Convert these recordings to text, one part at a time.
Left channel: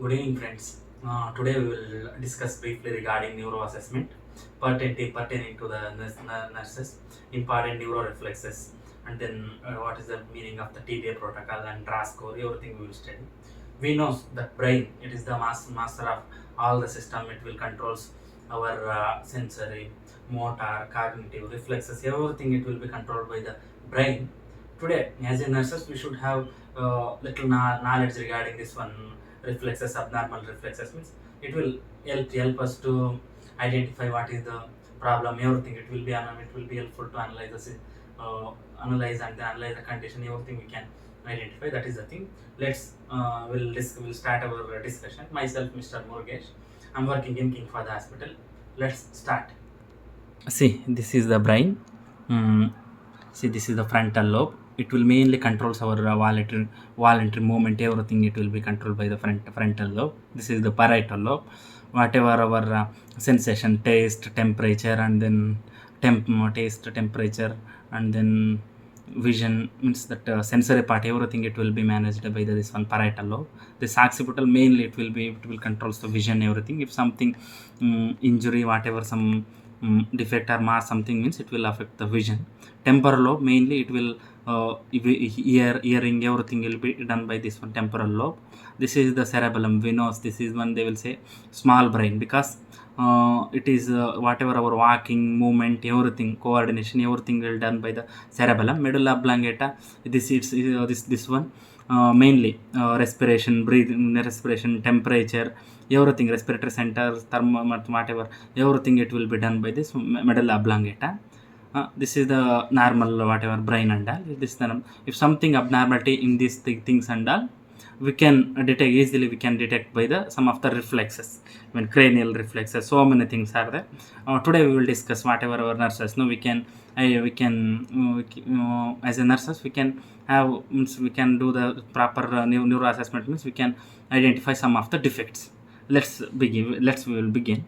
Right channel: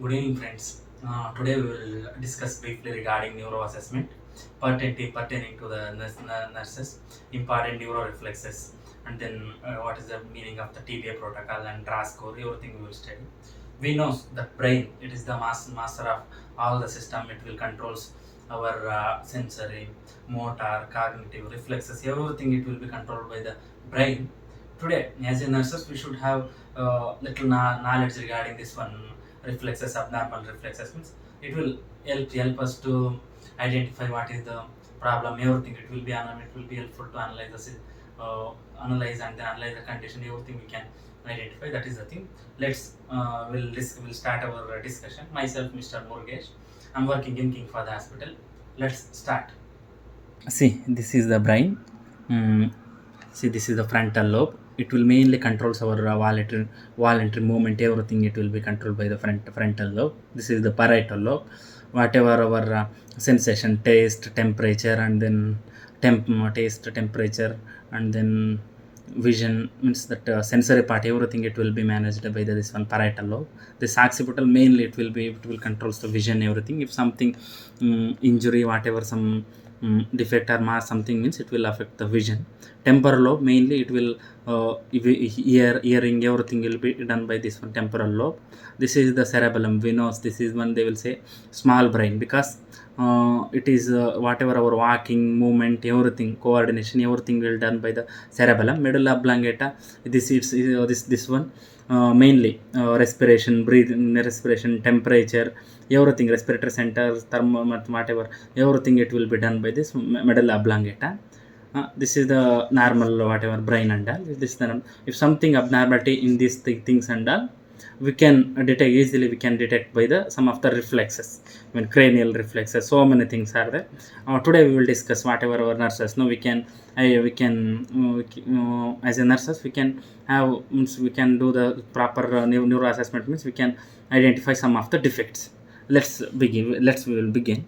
Good evening, friends. Today we will discuss briefly regarding neuro assessment pertaining to the nurses, important neuro reflexes, and then what is the meaning of the TBI protocol and RASS score. Everything we will study. We know that brain it is the master of all the system. It will controls our sensory, motor, cognitive, reflexes. Everything it will be controlled by the brain. Today, as a nurses, we should have little knowledge regarding this one reflexes, abnormal reflexes means it will help us to identify what is the problem. Everything it will be helpful to analyze analyze and then analyze the condition. Everything we can identify. That is the thing. We'll start our discussion. Myself, Mr. Morgesh. I'm working in King Father Hospital. Let's start. See, this is the brain. Mm, See, this is the frontal lobe. It will mainly controls our voluntary movement. Everything it will be controlled by the frontal lobe. This is the parietal lobe. Whatever our sensation, taste, temperature, and then taste, temperature, and then vision means that sensory part. Everything it will be managed by this one parietal lobe. This occipital mainly it will controls the vision. Everything. If something injury, whatever some defect or mass something means it will affect the vision. Temporal lobe mainly it will hearing everything will be done by this one temporal lobe. This is the cerebellum. We know this is one they will say small brain because it is whatever our walking movement everything coordination everything will done by the cerebellum. Medulla oblongata this one mainly respiration, breathing, respiration, temperature, everything, respiratory center, thermometer, whatever, everything it will be done by this medulla oblongata. This is the normal whatever brain and all. This is the, if something abnormality in these things and all, we can detect easily. We can detect by the some of the reflexes. When cranial reflexes, so many things are there. Today we will discuss whatever our nurses know. As a nurses we can have means we can do the proper neuro assessment means we can identify some of the defects. We will begin.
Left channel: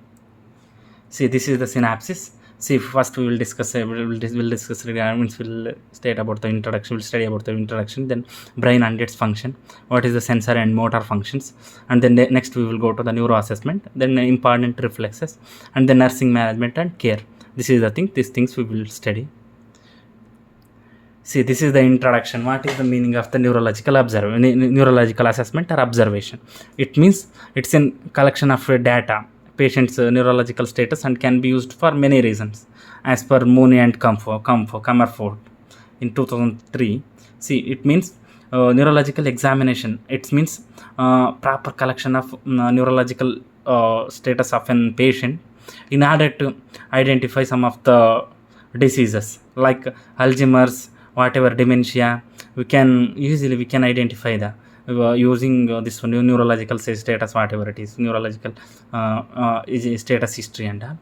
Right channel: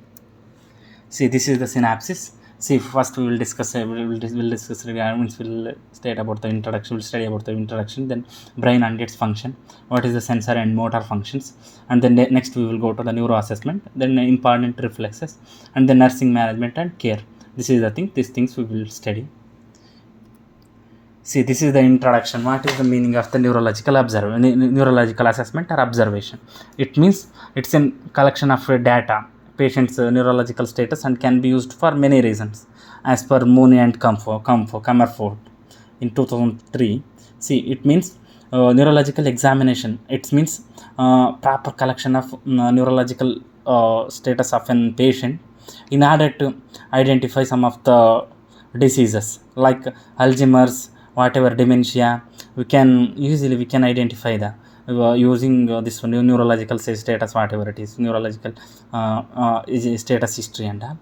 See, this is the synapses. See, first we will discuss. We'll discuss regarding. We'll state about the introduction. We'll study about the introduction. Then brain and its function. What is the sensor and motor functions? And then next we will go to the neuro assessment. Then important reflexes, and then nursing management and care. This is the thing. These things we will study. See, this is the introduction. What is the meaning of the neurological assessment or observation? It means it's a collection of data, patient's neurological status, and can be used for many reasons, as per Mooney and Comerford in 2003. See, it means neurological examination. It means proper collection of neurological status of an patient in order to identify some of the diseases like Alzheimer's, whatever dementia. We can identify that using this neurological status, whatever it is, neurological is status history and all.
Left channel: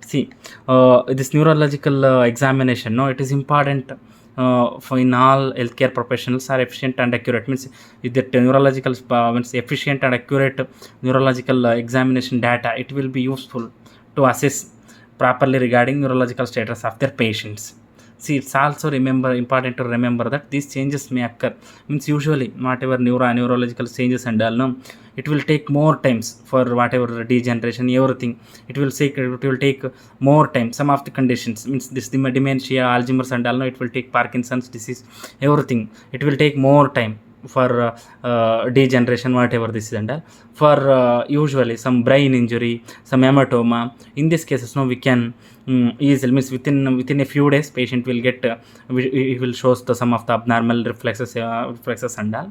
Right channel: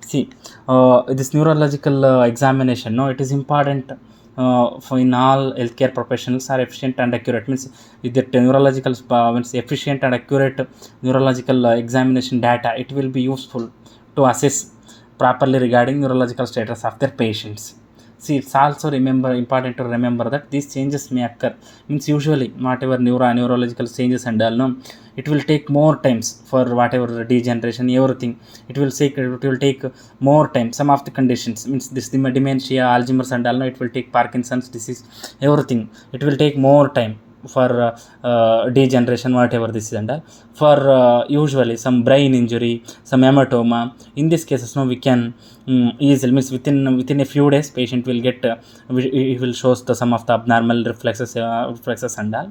See, this neurological examination, no, it is important for in all healthcare professionals are efficient and accurate. Means if the neurological means efficient and accurate neurological examination data, it will be useful to assess properly regarding neurological status of their patients. See, it's also important to remember that these changes may occur. Means usually whatever neurological changes and all, no, it will take more times for whatever degeneration, everything. It will take more time. Some of the conditions means this dementia, Alzheimer's and all, no, it will take Parkinson's disease, everything. It will take more time for degeneration, whatever this is and all. For usually some brain injury, some hematoma. In these cases, no, we can easily means within a few days, patient will get it will shows the some of the abnormal reflexes and all.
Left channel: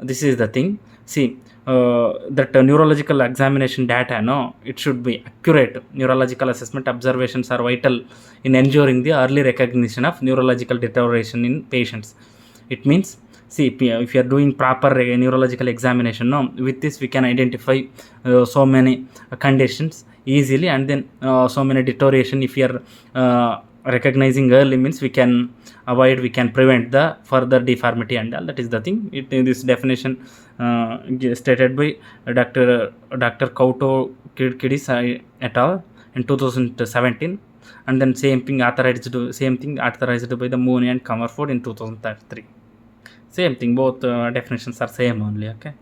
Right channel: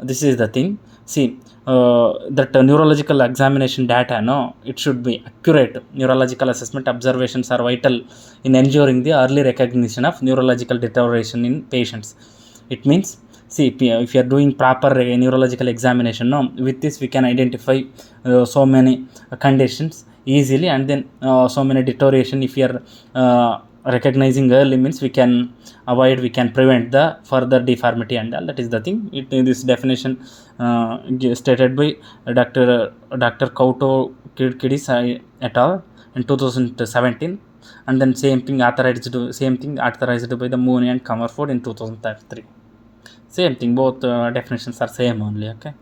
This is the thing. See, that neurological examination data, no, it should be accurate. Neurological assessment observations are vital in ensuring the early recognition of neurological deterioration in patients. It means, see, if you are doing proper neurological examination, no, with this we can identify so many conditions easily, and then so many deterioration. If you are recognizing early means we can avoid, we can prevent the further deformity and all. That is the thing. This definition stated by Dr. Kauto Kidis et al. In 2017, and then same thing authorized by the Mooney and Comerford in 2003. Same thing, both definitions are same only. Okay.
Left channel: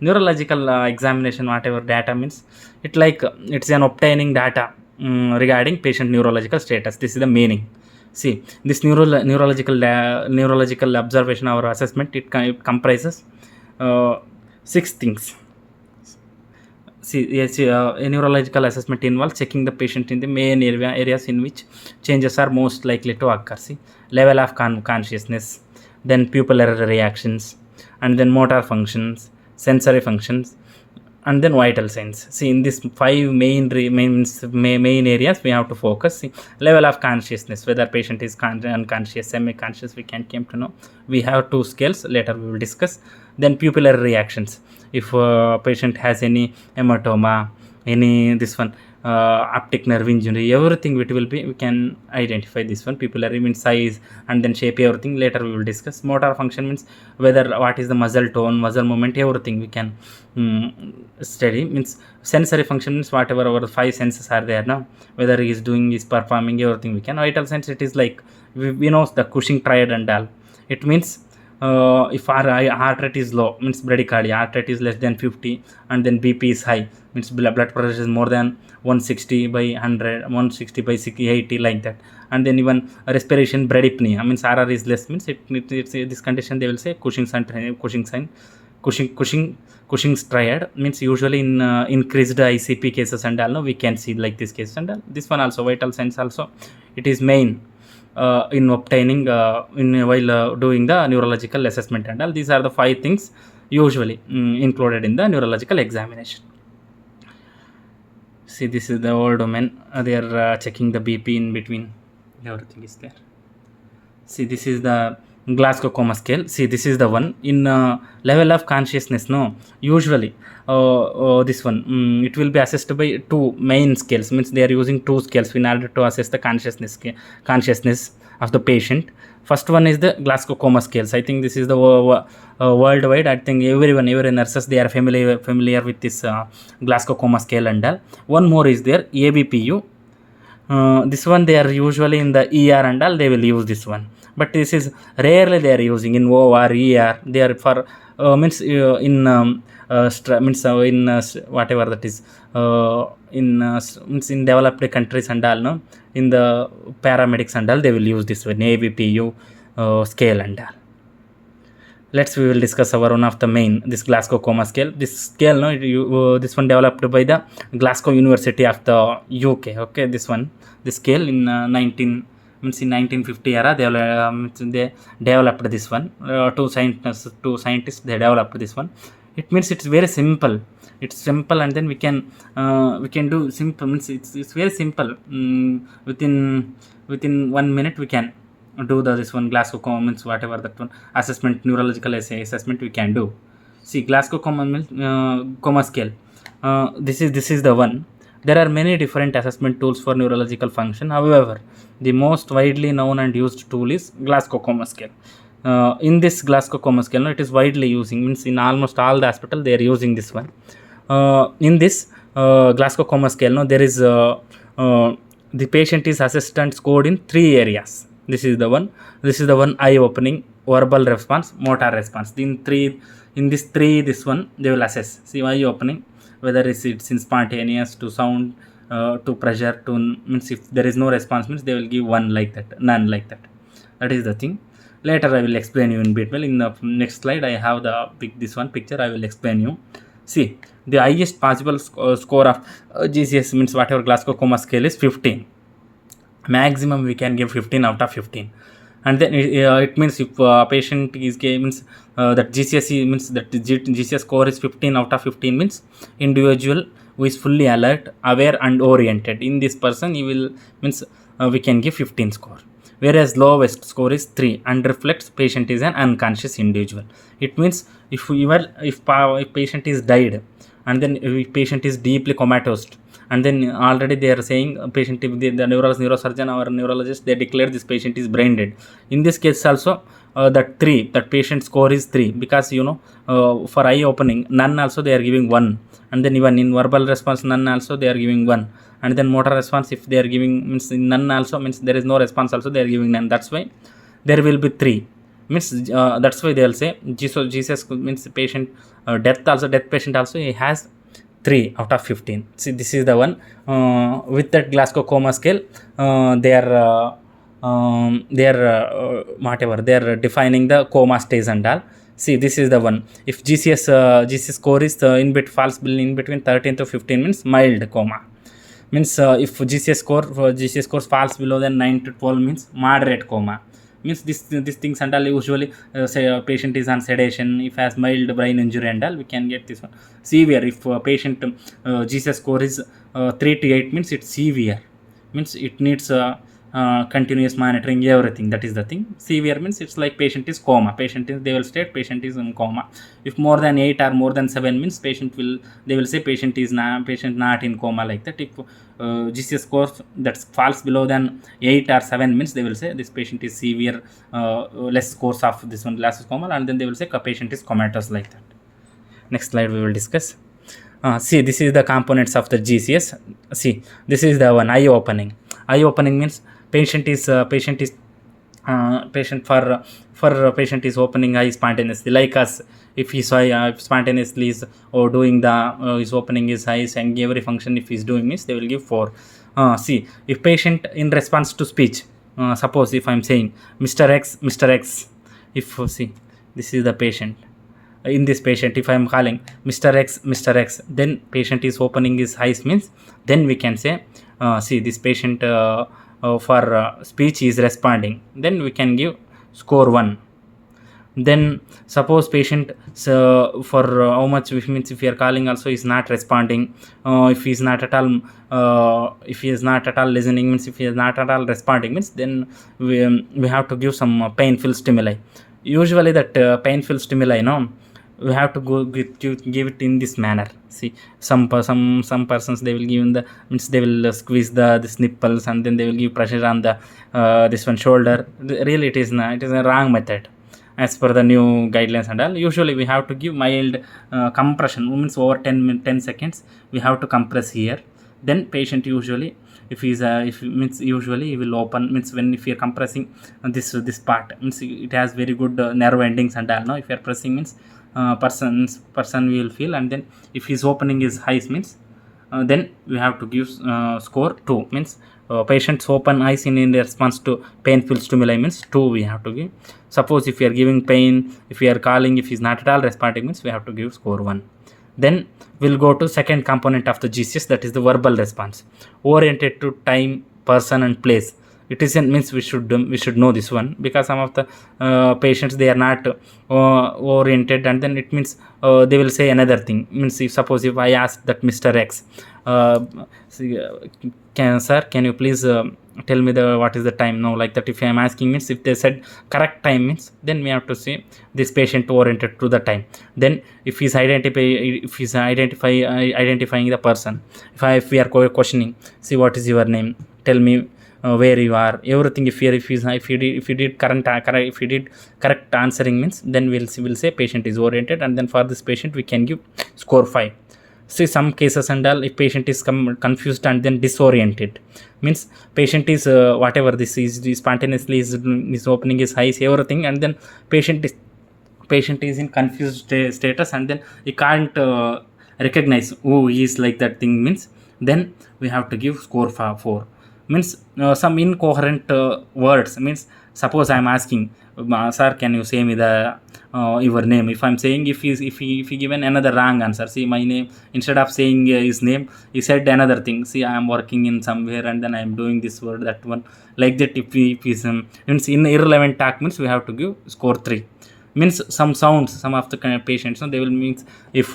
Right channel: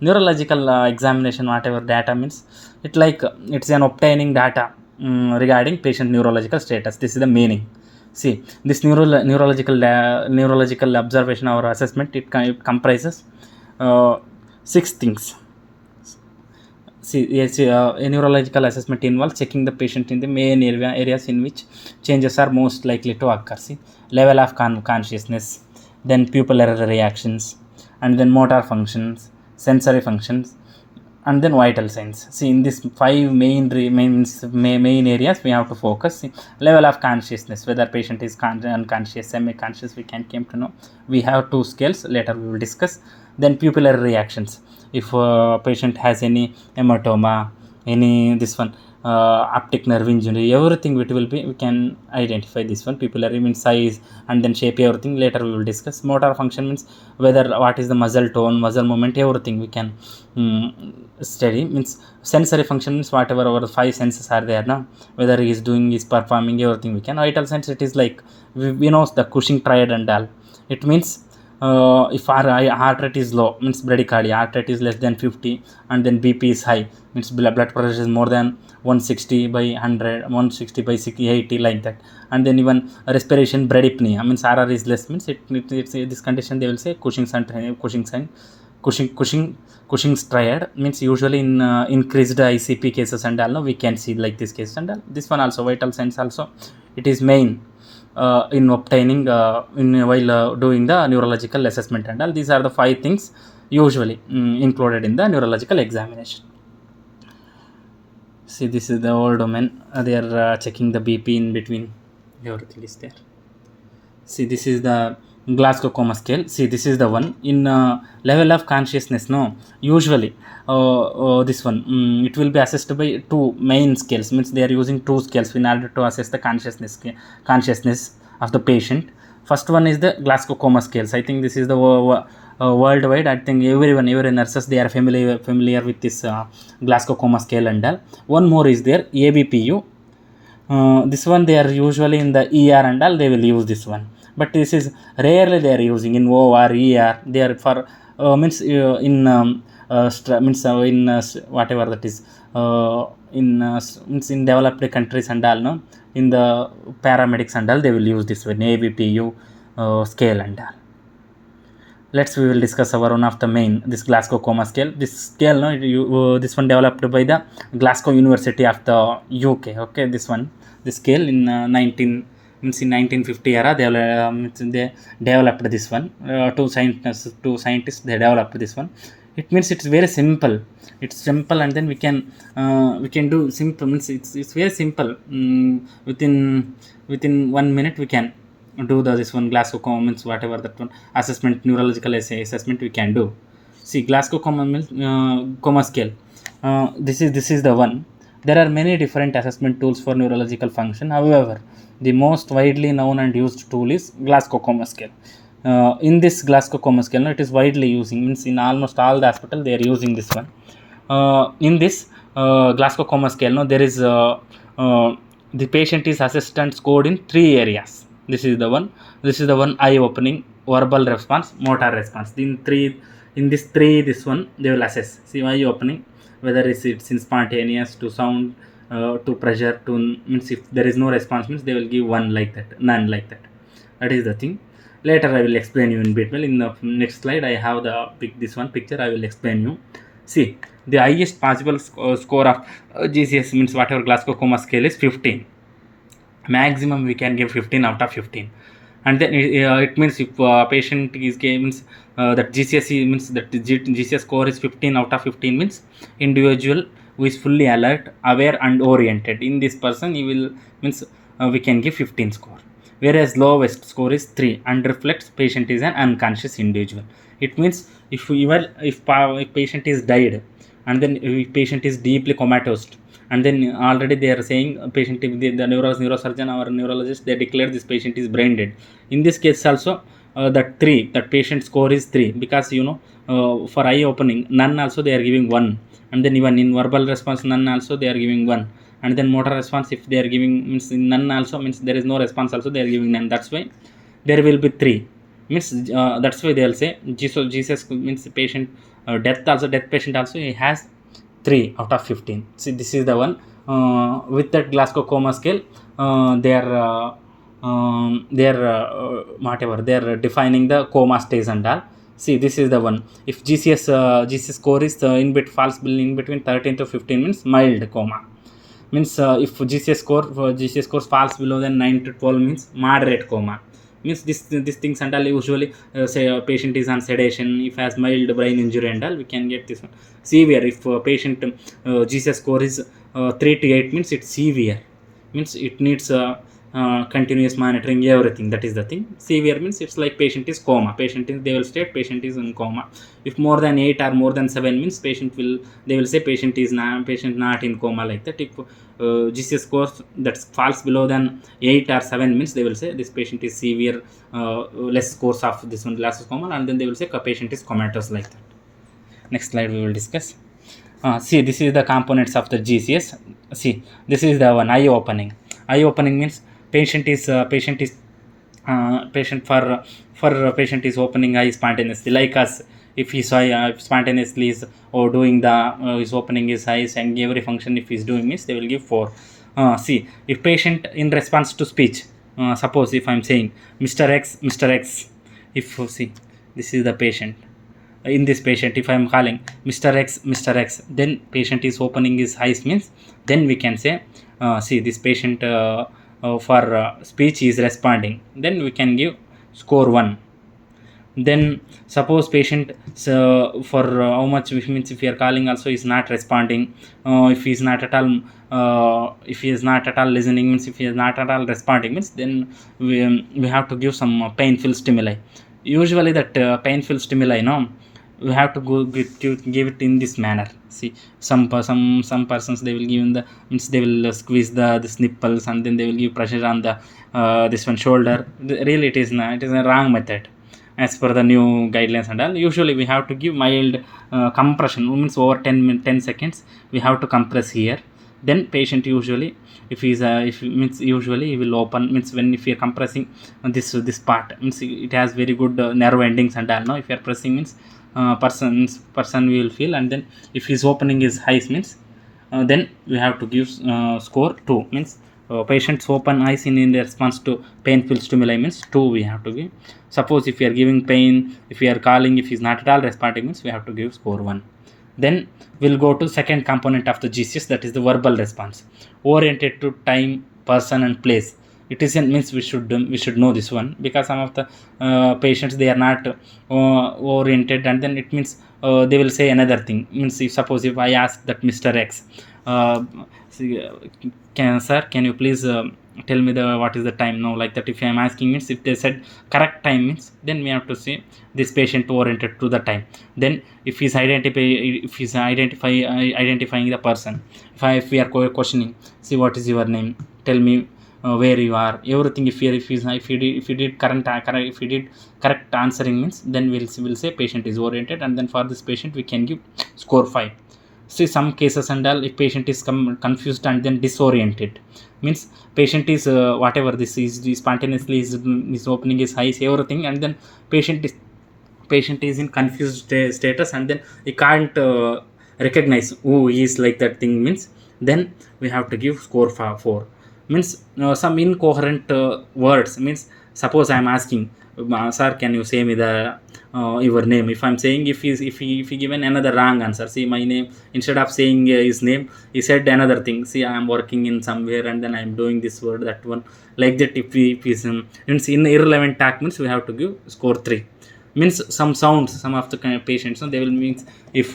Neurological examination, whatever data means, it's an obtaining data regarding patient neurological status. This is the meaning. See, this neurological observation or assessment, it comprises 6 things. See, yes, a neurological assessment involves checking the patient in the main areas in which changes are most likely to occur. See, level of consciousness, then pupillary reactions, and then motor functions, sensory functions, and then vital signs. See, in these 5 main areas we have to focus. See, level of consciousness, whether patient is unconscious, semi-conscious, we can came to know. We have 2 scales, later we will discuss. Then pupillary reactions, if patient has any hematoma, any this one optic nerve injury, everything it will be, we can identify this one. Pupillary means size and then shape, everything later we will discuss. Motor function means whether what is the muscle tone, muscle movement, everything we can study. Means sensory function means whatever our 5 senses are there now, whether he is doing, is performing, everything we can. Vital signs, it is like we know the Cushing triad and all. It means if our heart rate is low, means bradycardia, heart rate is less than 50, and then BP is high, means blood pressure is more than 160 by 100, 160 by 80, like that. And then even respiration bradypnea, means RR is less, means it's this condition they will say Cushing's triad, means usually in increased ICP cases and all, we can see like this case and all. This one also, vital signs also, it is main in obtaining while doing the neurological assessment and all. These are the 5 things usually included in the neurological examination. See, this is the whole domain. They are checking the BP in between, everything is there. See, this is the Glasgow Coma scale. See, this is the one in level of consciousness. No, usually this one it will be assessed by 2 main scales, means they are using 2 scales in order to assess the consciousness of the patient. First one is the Glasgow Coma scales. I think this is the worldwide. I think every nurses, they are familiar with this Glasgow Coma scale and all. One more is there, ABPU. This one they are usually in the ER and all, they will use this one, but this is rarely they are using in OR, ER. They are for means in whatever that is means in developed countries and all, no, in the paramedics and all, they will use this one, ABPU scale and all. We will discuss our one of the main, this Glasgow Coma scale. This scale, no, this one developed by the Glasgow University of the UK. Okay, this scale in 1950 era, they developed this one. Two scientists they developed this one. It means it's very simple. It's simple, and then we can do simple, means it's very simple. Within 1 minute we can do this one Glasgow Coma, means whatever that one assessment, neurological assessment we can do. See, Glasgow Coma means Coma scale. This is the one. There are many different assessment tools for neurological function. However, the most widely known and used tool is Glasgow Coma scale. In this Glasgow Coma scale, no, it is widely using, means in almost all the hospital they are using this one. In this Glasgow Coma scale, no, there is the patient is assessed and scored in 3 areas. This is the one. Eye opening, verbal response, motor response. This one they will assess. See, eye opening, whether it's in spontaneous, to sound, to pressure, to, means if there is no response, means they will give 1 like that, none like that. That is the thing. Later I will explain you in detail. In the next slide I have this one picture. I will explain you. See, the highest possible score of GCS, means whatever Glasgow Coma scale is 15. Maximum we can give 15 out of 15. And then it means if patient is means that GCS means that GCS score is 15 out of 15, means individual who is fully alert, aware and oriented. In this person, he will, means we can give 15 score. Whereas lowest score is 3 and reflects patient is an unconscious individual. It means if patient is died, and then if patient is deeply comatose, and then already they are saying patient, the neurosurgeon or neurologist, they declare this patient is brain dead. In this case also, that patient score is 3, because for eye opening, none also they are giving 1, and then even in verbal response, none also they are giving 1, and then motor response, if they are giving, means none also, means there is no response also, they are giving none. That's why there will be 3, means that's why they will say GCS means patient Death patient also he has 3 out of 15. See, this is the one with that Glasgow coma scale. They are whatever they are defining the coma stage and all. See, this is the one. If GCS score is falls in between 13 to 15 means mild coma. Means if GCS scores falls below than 9 to 12 means moderate coma. Means this things and all usually say a patient is on sedation. If has mild brain injury and all, we can get this one. Severe, if patient GCS score is 3 to 8 means it's severe. Means it needs continuous monitoring, everything. That is the thing. Severe means it's like patient is coma. They will state patient is in coma. If more than 8 or more than 7 means they will say patient not in coma, like that. If GCS score that falls below than 8 or 7 means they will say this patient is severe, less course of this one less coma, and then they will say patient is comatose, like that. Next slide we will discuss. See, this is the components of the GCS. See, this is the one, eye opening. Eye opening means patient is opening eye spontaneously, like us. If he spontaneously is doing the is opening his eyes and every function, if he's doing this, they will give 4. See, if patient in response to speech, suppose if I'm saying Mr. X, if see, this is the patient. In this patient, if I'm calling Mr. X, then patient is opening his eyes means, then we can say see, this patient for speech is responding, then we can give score 1. Then suppose patient for how much, which means if we are calling also is not responding, if he is not at all listening means, if he is not at all responding means, then we have to give some painful stimuli. Usually that painful stimuli, we have to give it in this manner. See, some persons, they will give in the means they will squeeze this nipples, and then they will give pressure on the this one shoulder. Really, it is a wrong method as per the new guidelines and all. Usually we have to give mild compression, means over 10 seconds we have to compress here. Then patient usually, if usually he will open, means when if you are compressing this part, means it has very good nerve endings and all. If you are pressing means person will feel, and then if he's opening his eyes means, then we have to give score 2. Means patients open eyes in response to painful stimuli means 2 we have to give. Suppose if you are giving pain, if you are calling, if he's not at all responding means, we have to give score 1. Then we'll go to second component of the GCS, that is the verbal response, oriented to time, person and place. It isn't means we should know this one, because some of the patients, they are not oriented, and then it means they will say another thing. Means if suppose if I ask that Mr. X, can you please tell me what is the time? No, like that. If I am asking means, if they said correct time means, then we have to say this patient oriented to the time. Then if he's identifying the person, if we are questioning, see, what is your name, tell me where you are, everything. If you did correct answering means, then we'll say patient is oriented, and then for this patient we can give score 5. See, some cases and all, if patient is confused and then disoriented means, patient is whatever this is spontaneously is opening his eyes, everything, and then patient is in confused status, and then he can't recognize who he is, like that thing means, then we have to give score 4. Means some incoherent words means, suppose I am asking, sir, can you say me the your name? If I'm saying, if he given another wrong answer, see, my name, instead of saying his name, he said another thing. See, I am working in somewhere, and then I am doing this word, that one, like that. If is means in irrelevant talk means, we have to give score 3. Means some sounds, some of the kind of patients, they will means, if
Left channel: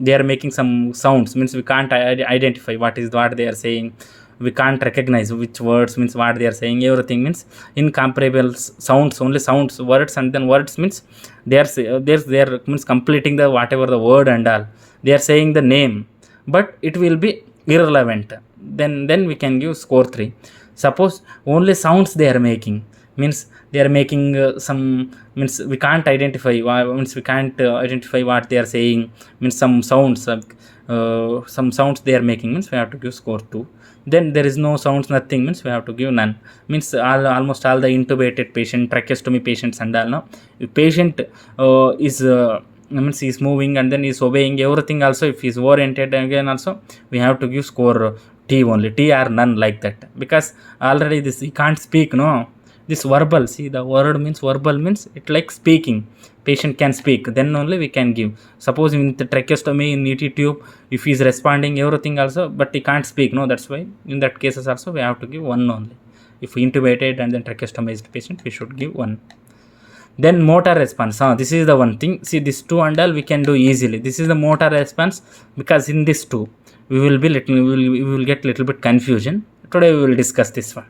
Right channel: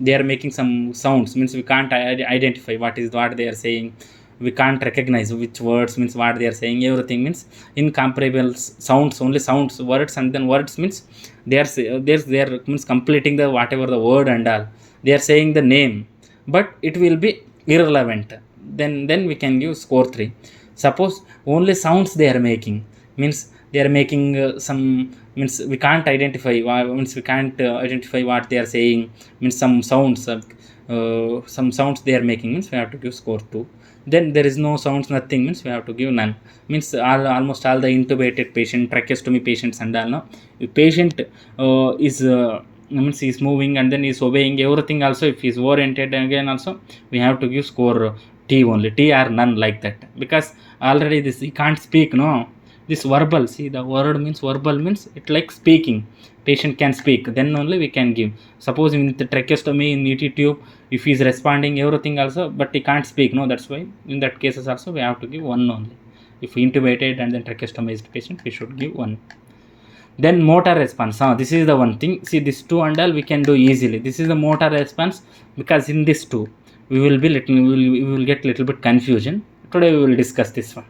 they are making some sounds means, we can't identify what they are saying. We can't recognize which words means what they are saying, everything means incomparable sounds, only sounds, words, and then words means they are means completing the whatever the word and all. They are saying the name, but it will be irrelevant. Then we can give score 3. Suppose only sounds they are making means, they are making some means we can't identify what they are saying, means some sounds they are making means, we have to give score 2. Then there is no sounds, nothing means, we have to give none. Means almost all the intubated patient, tracheostomy patients and all, if patient is means he's moving and then he's obeying everything also. If he's oriented again also, we have to give score T only, T or none, like that, because already this he can't speak, no. This verbal, see, the word means verbal means it like speaking. Patient can speak, then only we can give. Suppose in the tracheostomy in ET tube, if he's responding everything also, but he can't speak, no, that's why in that cases also we have to give one only. If we intubated and then tracheostomized patient, we should give one. Then motor response, this is the one thing. See, this two and all we can do easily. This is the motor response, because in this two we will be little, we will get little bit confusion. Today we will discuss this one.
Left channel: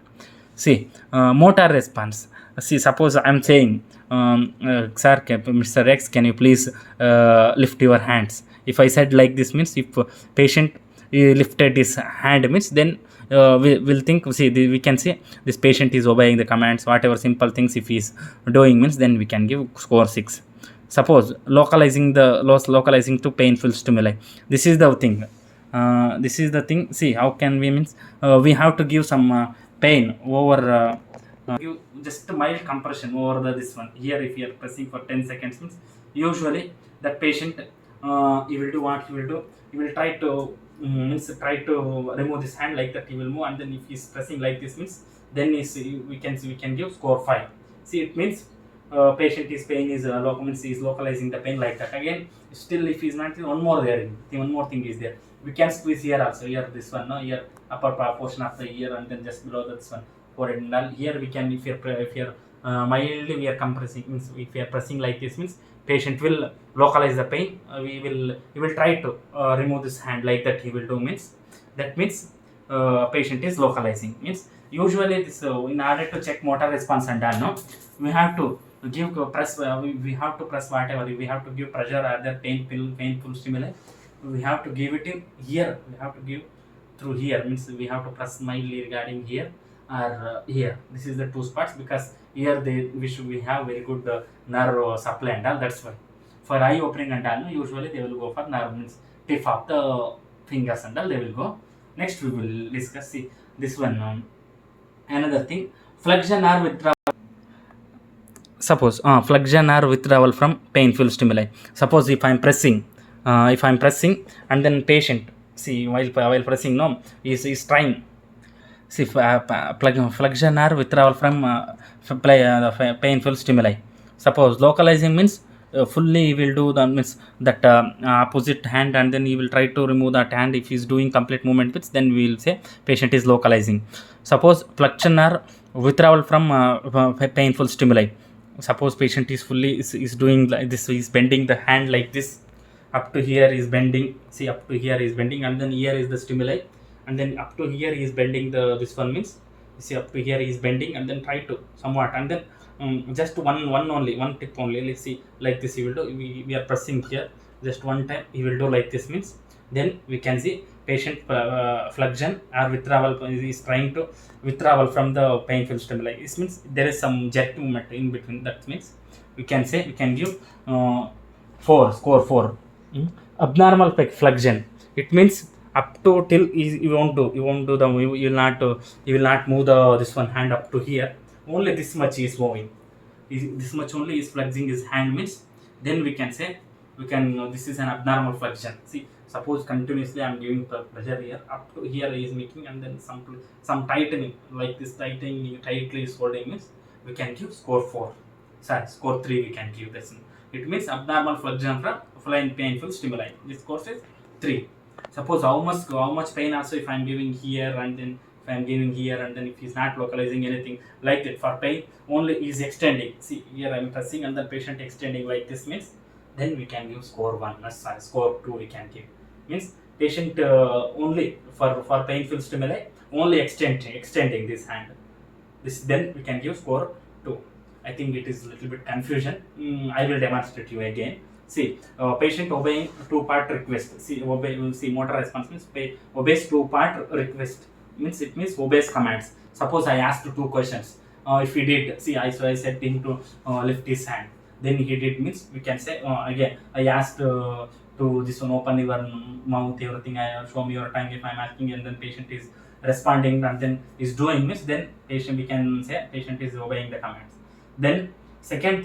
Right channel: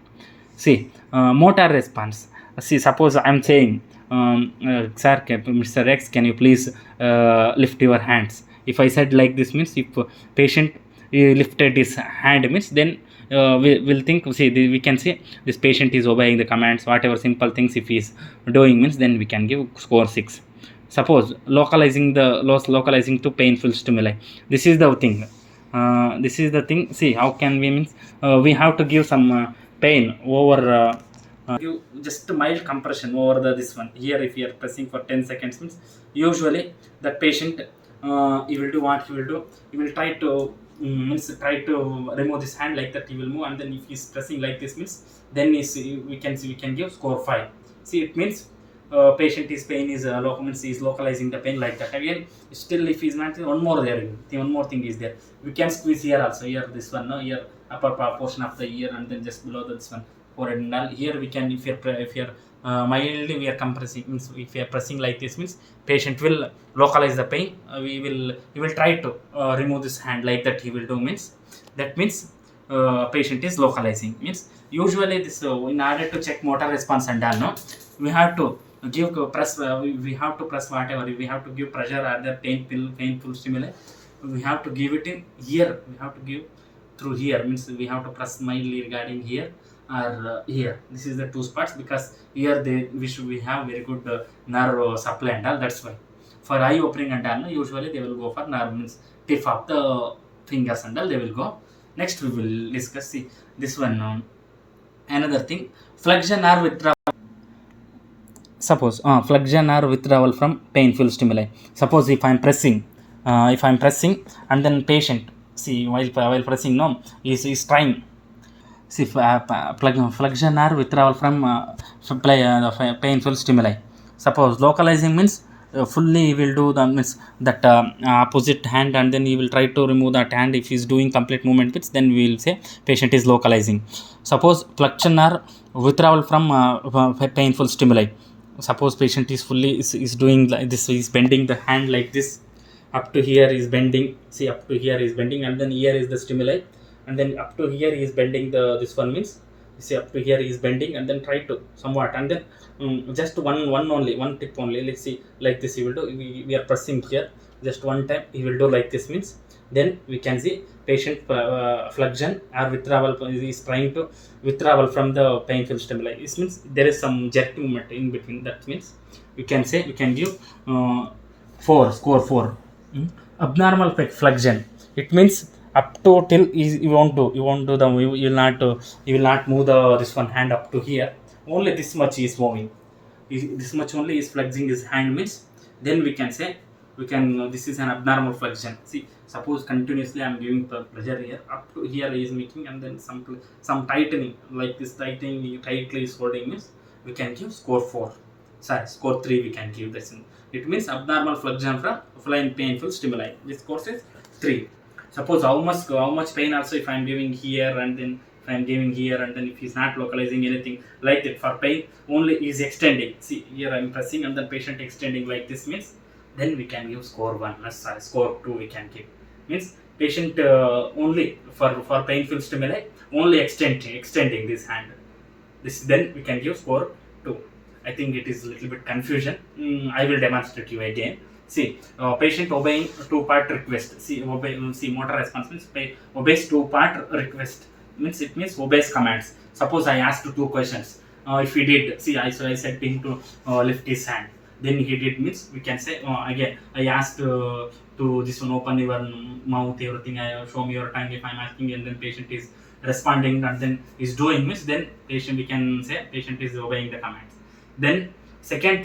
See, motor response. See, suppose I am saying, sir, Mr. X, can you please lift your hands? If I said like this, means if patient lifted his hand, means then we will think, see, we can see this patient is obeying the commands, whatever simple things if he is doing, means then we can give score 6. Suppose localizing to painful stimuli. This is the thing. This is the thing. See, how can we, means we have to give some pain over give just mild compression over this one here. If you are pressing for 10 seconds, means usually that patient he will do what he will do. He will try to try to remove this hand, like that he will move, and then if he is pressing like this, means then we can give score 5. See, it means patient is pain is means he is localizing the pain, like that. Again, still if he is not, one more there, one more thing is there. We can squeeze here also, here this one, no, here upper portion of the ear, and then just below this one forehead and all. Here we can, if you're mildly we are compressing, means if we are pressing like this, means patient will localize the pain. He will try to remove this hand, like that he will do, means that means patient is localizing. Means usually this in order to check motor response and all, no, we have to give press, we have to press whatever, we have to give pressure or the painful stimuli. We have to give it in here, we have to give through here, means we have to press mildly regarding here or here. This is the two spots, because here we have very good nerve supply and all. That's why for eye opening and all, usually they will go for nerve, means tip of the fingers and all they will go. Next we will discuss, see, this one another thing, flexion or withdrawal. Suppose flexion or withdrawal from painful stimuli. Suppose if I'm pressing and then patient, see, while pressing, no, is trying. See, flexion or withdrawal from painful stimuli. Suppose localizing means fully he will do the, means that opposite hand, and then he will try to remove that hand. If he is doing complete movement, means then we will say patient is localizing. Suppose flexion or withdrawal from painful stimuli. Suppose patient is fully is doing like this, is bending the hand like this, up to here is bending. See, up to here is bending, and then here is the stimuli, and then up to here he is bending this one, means see, up to here he is bending, and then try to somewhat, and then just one tip only. Let's see, like this he will do. We are pressing here, just one time he will do like this, means then we can see patient flexion or withdrawal, is trying to withdrawal from the painful stimuli. This means there is some jerk movement in between. That means we can say, we can give 4, score 4. Abnormal flexion, it means up to till you won't do the, you will not move this one hand up to here. Only this much is moving. This much only is flexing his hand, means then we can say, this is an abnormal flexion. See, suppose continuously I am giving pressure here, up to here he is making, and then some tightening, like this tightening tightly is holding, means we can give score 4. Sorry, score 3 we can give this. It means abnormal flexion from painful stimuli. This course is 3. Suppose how much pain also if I am giving here, and then if I am giving here, and then if he is not localizing anything, like that. For pain only is extending. See, here I am pressing and then patient extending like this, means then we can give score 1. Sorry, score 2 we can give. Means patient only for painful stimuli only extending this hand. This, then we can give score 2. I think it is a little bit confusion. I will demonstrate you again. See, patient obeying 2-part request. See, motor response means obeys 2-part request. Means it means obeys commands. Suppose I asked 2 questions. If he did, see, I said him to lift his hand. Then he did, means we can say again I asked to this one, open your mouth, everything. Show me your tongue if I am asking, and then patient is responding, and then is doing, means then we can say patient is obeying the commands. Then second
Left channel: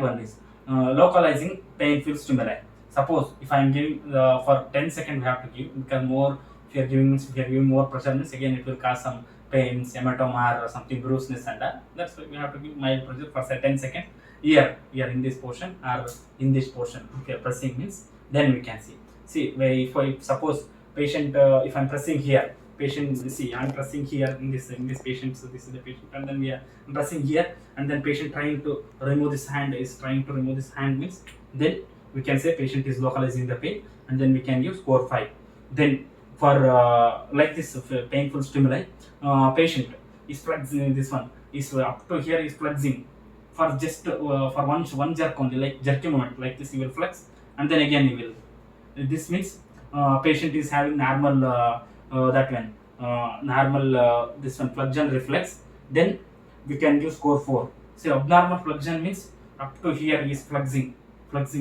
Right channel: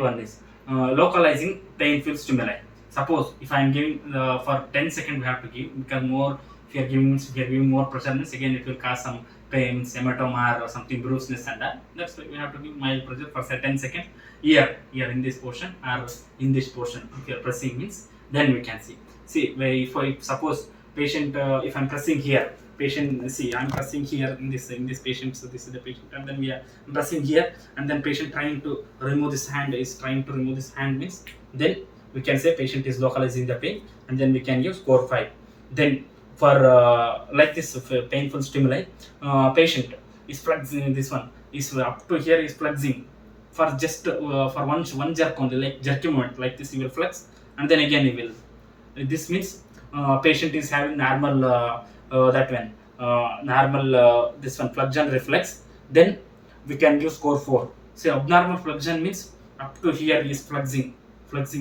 one is localizing painful stimuli. Suppose if I am giving for 10 seconds we have to give, because more if you are giving means if you are giving more pressure means again it will cause some pains, hematoma or something bruisedness and that. That's why we have to give mild pressure for say 10 seconds here in this portion or in this portion. If you are pressing means then we can see. See if I suppose patient if I'm pressing here, patient, see I'm pressing here in this patient, so this is the patient and then we are pressing here and then patient trying to remove this hand means then we can say patient is localizing the pain and then we can use score 5. Then for like this painful stimuli, patient is flexing, this one is up to here is flexing for just for one jerk only, like jerky movement like this he will flex and then again he will, this means patient is having normal normal this one flexion reflex, then we can give score 4. Say abnormal flexion means up to here is flexing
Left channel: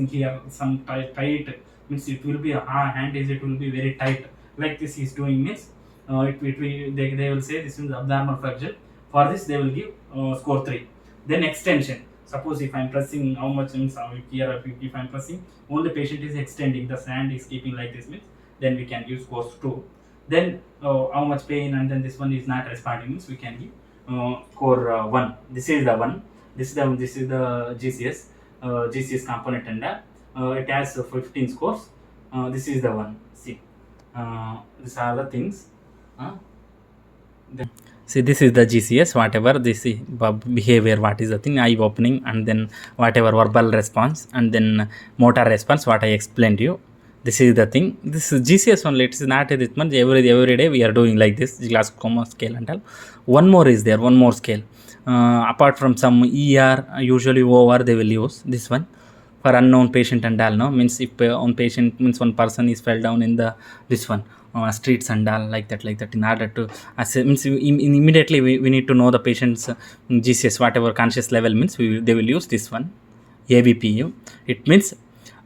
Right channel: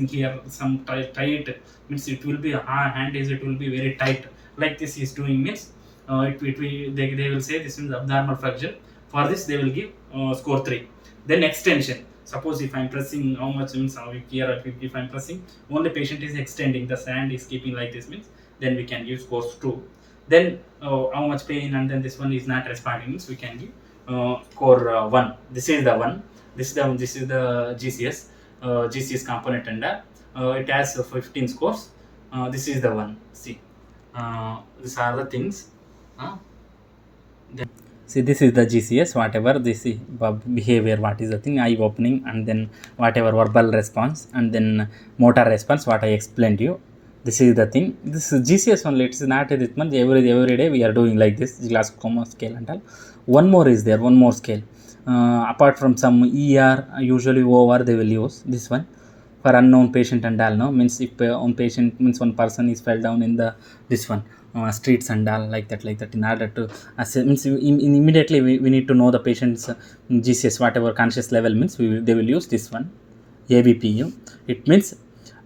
here some tight means it will be hand is it will be very tight like this is doing means they will say this is abnormal flexion. For this they will give score 3. Then extension, suppose if I'm pressing how much means here if I'm pressing only patient is extending, the hand is keeping like this means then we can give scores 2. Then how much pain and then this one is not responding means we can give score 1. This is the one, this is the GCS GCS component and it has 15 scores. This is the one. See these are the things. Then see this is the GCS, whatever this is behavior, what is the thing, eye opening and then whatever verbal response and then motor response what I explained to you. This is the thing. This is GCS only, it is not this much. Every day we are doing like this Glasgow scale and all. One more is there, one more scale. Apart from some ER, usually OR they will use this one for unknown patient and all. No means if on patient means one person is fell down in the this one streets and all like that in order to means immediately we need to know the patient's GCS whatever conscious level means they will use this one ABPU. It means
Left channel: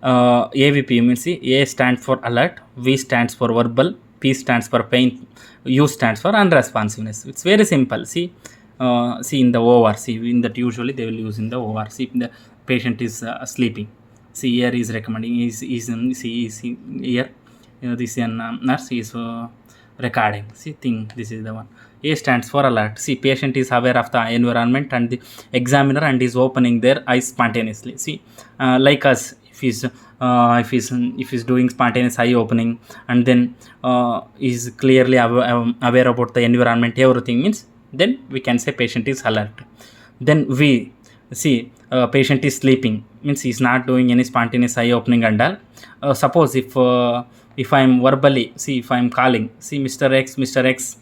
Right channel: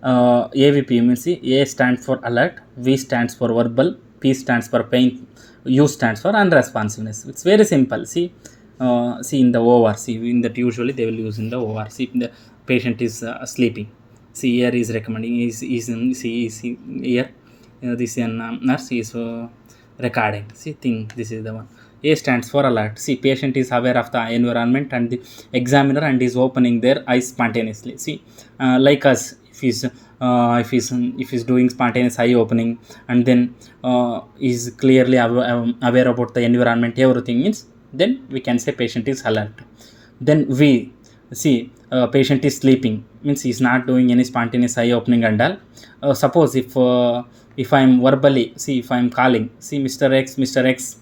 AVP means A stands for alert, V stands for verbal, P stands for pain, U stands for unresponsiveness. It's very simple. See in the OR, see in that usually they will use in the OR. See the patient is sleeping. See here is recommending is here. This nurse is recording. See thing, this is the one. A stands for alert. See patient is aware of the environment and the examiner and is opening their eyes spontaneously. See like us. If he's doing spontaneous eye opening and then is clearly aware about the environment, everything means then we can say patient is alert. Then we see patient is sleeping means he's not doing any spontaneous eye opening and all. Suppose if I'm verbally, see if I'm calling, see Mr. X,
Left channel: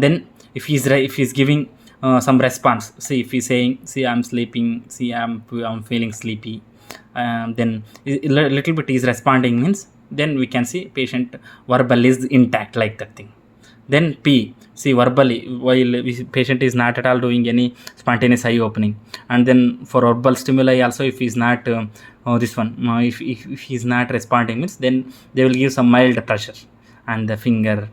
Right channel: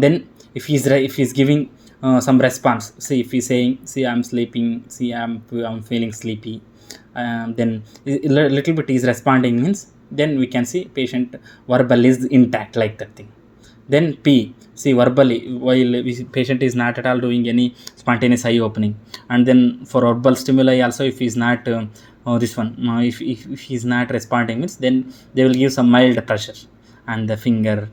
then if he's giving some response, see if he's saying, see I'm sleeping, see I'm feeling sleepy, then a little bit is responding means then we can see patient verbal is intact like that thing. Then P, see verbally while patient is not at all doing any spontaneous eye opening, and then for verbal stimuli also if he's not this one if he's not responding means then they will give some mild pressure and the finger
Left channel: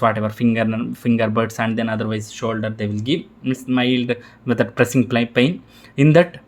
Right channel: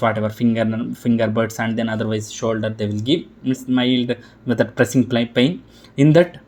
whatever finger buds and then otherwise shoulder they will give means mild with that pressing pain. In that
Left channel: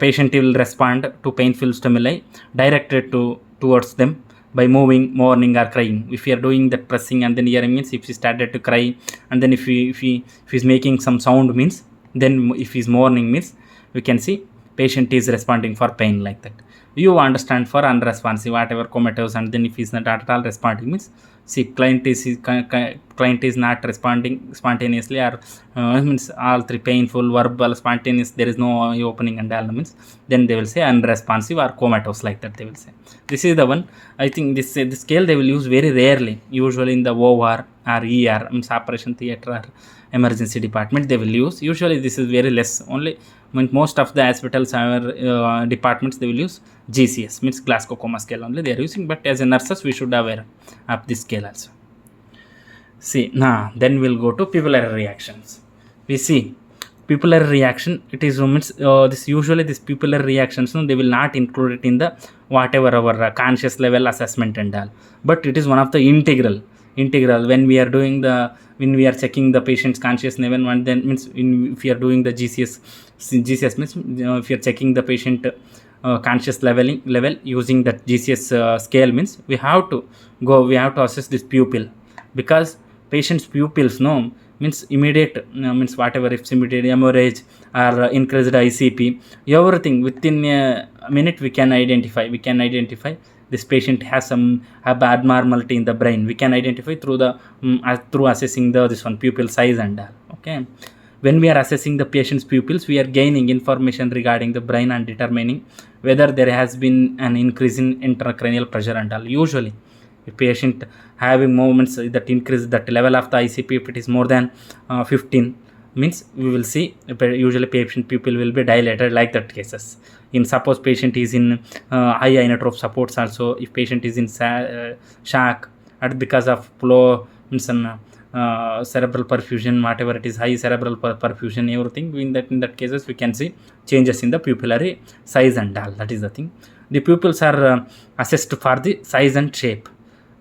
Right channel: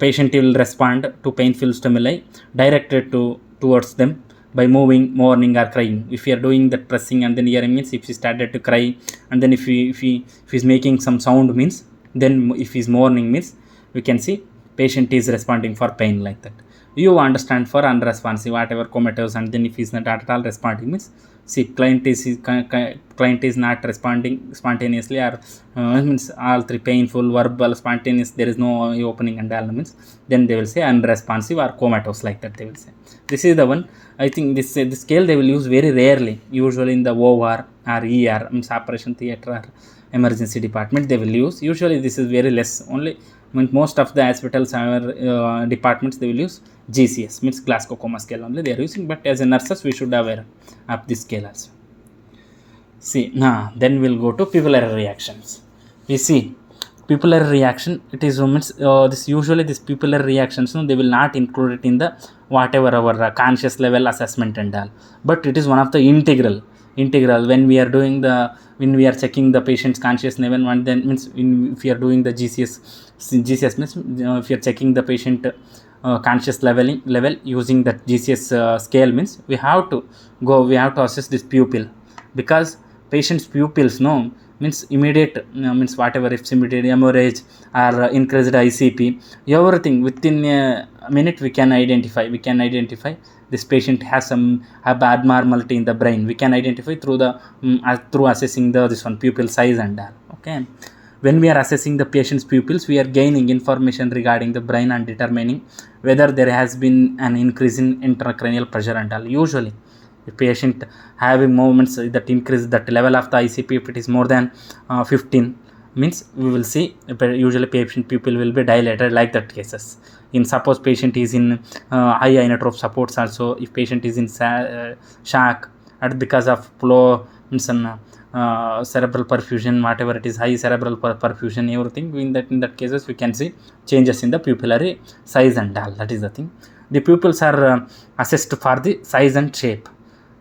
patient will respond to painful stimuli directed towards them by moving, mourning or crying. If we are doing that pressing and then hearing means if he started to cry and then if he's making some sound means then if he's mourning means we can see patient is responding for pain like that. You understand for unresponsive whatever comatose and then if he's not at all responding means see client is not responding spontaneously or means all three painful, verbal, spontaneous, there is no opening and all means then they will say unresponsive or comatose like that they will say. This is the one. I think this scale they will use very rarely, usually in the OR or ER means operation theatre or emergency department they will use. Usually this is very less, only when most of the hospitals or departments they will use GCS means Glasgow Coma scale only they are using, but as a nurses we should aware of this scale also. See now then we'll go to pupillary reactions. We see pupillary reaction, it is means this usually this pupillary reactions they will not include it in the whatever our conscious level assessment and all, but it is one of the integral when we are doing the when we are checking the patient's conscious level, and then means if you are doing the GCS means if you are checking the patient conscious level using that GCS scale, means we have to assess this pupil, because patient's pupils means immediate means whatever, if immediate hemorrhage or increased ICP, everything within a minute we can identify this patient has some abnormality in the brain. We can identify through the through assessing the this one pupil size and all. Okay, when we are assessing the patient's pupils, we are gaining information regarding the brain and determining whether there has been an increase in intracranial pressure and all. Usually if patient having movements that increase that level of the ICP, if it is more than 15, means we will see usually patient pupil will be dilated, like that cases. In suppose patient is in high inotrope supports also, if patient is in shock and because of flow in some cerebral perfusion, whatever it is, high cerebral perfusion, everything, in that cases we can see changes in the pupillary size and all. That is the thing. The pupils are assessed for the size and shape,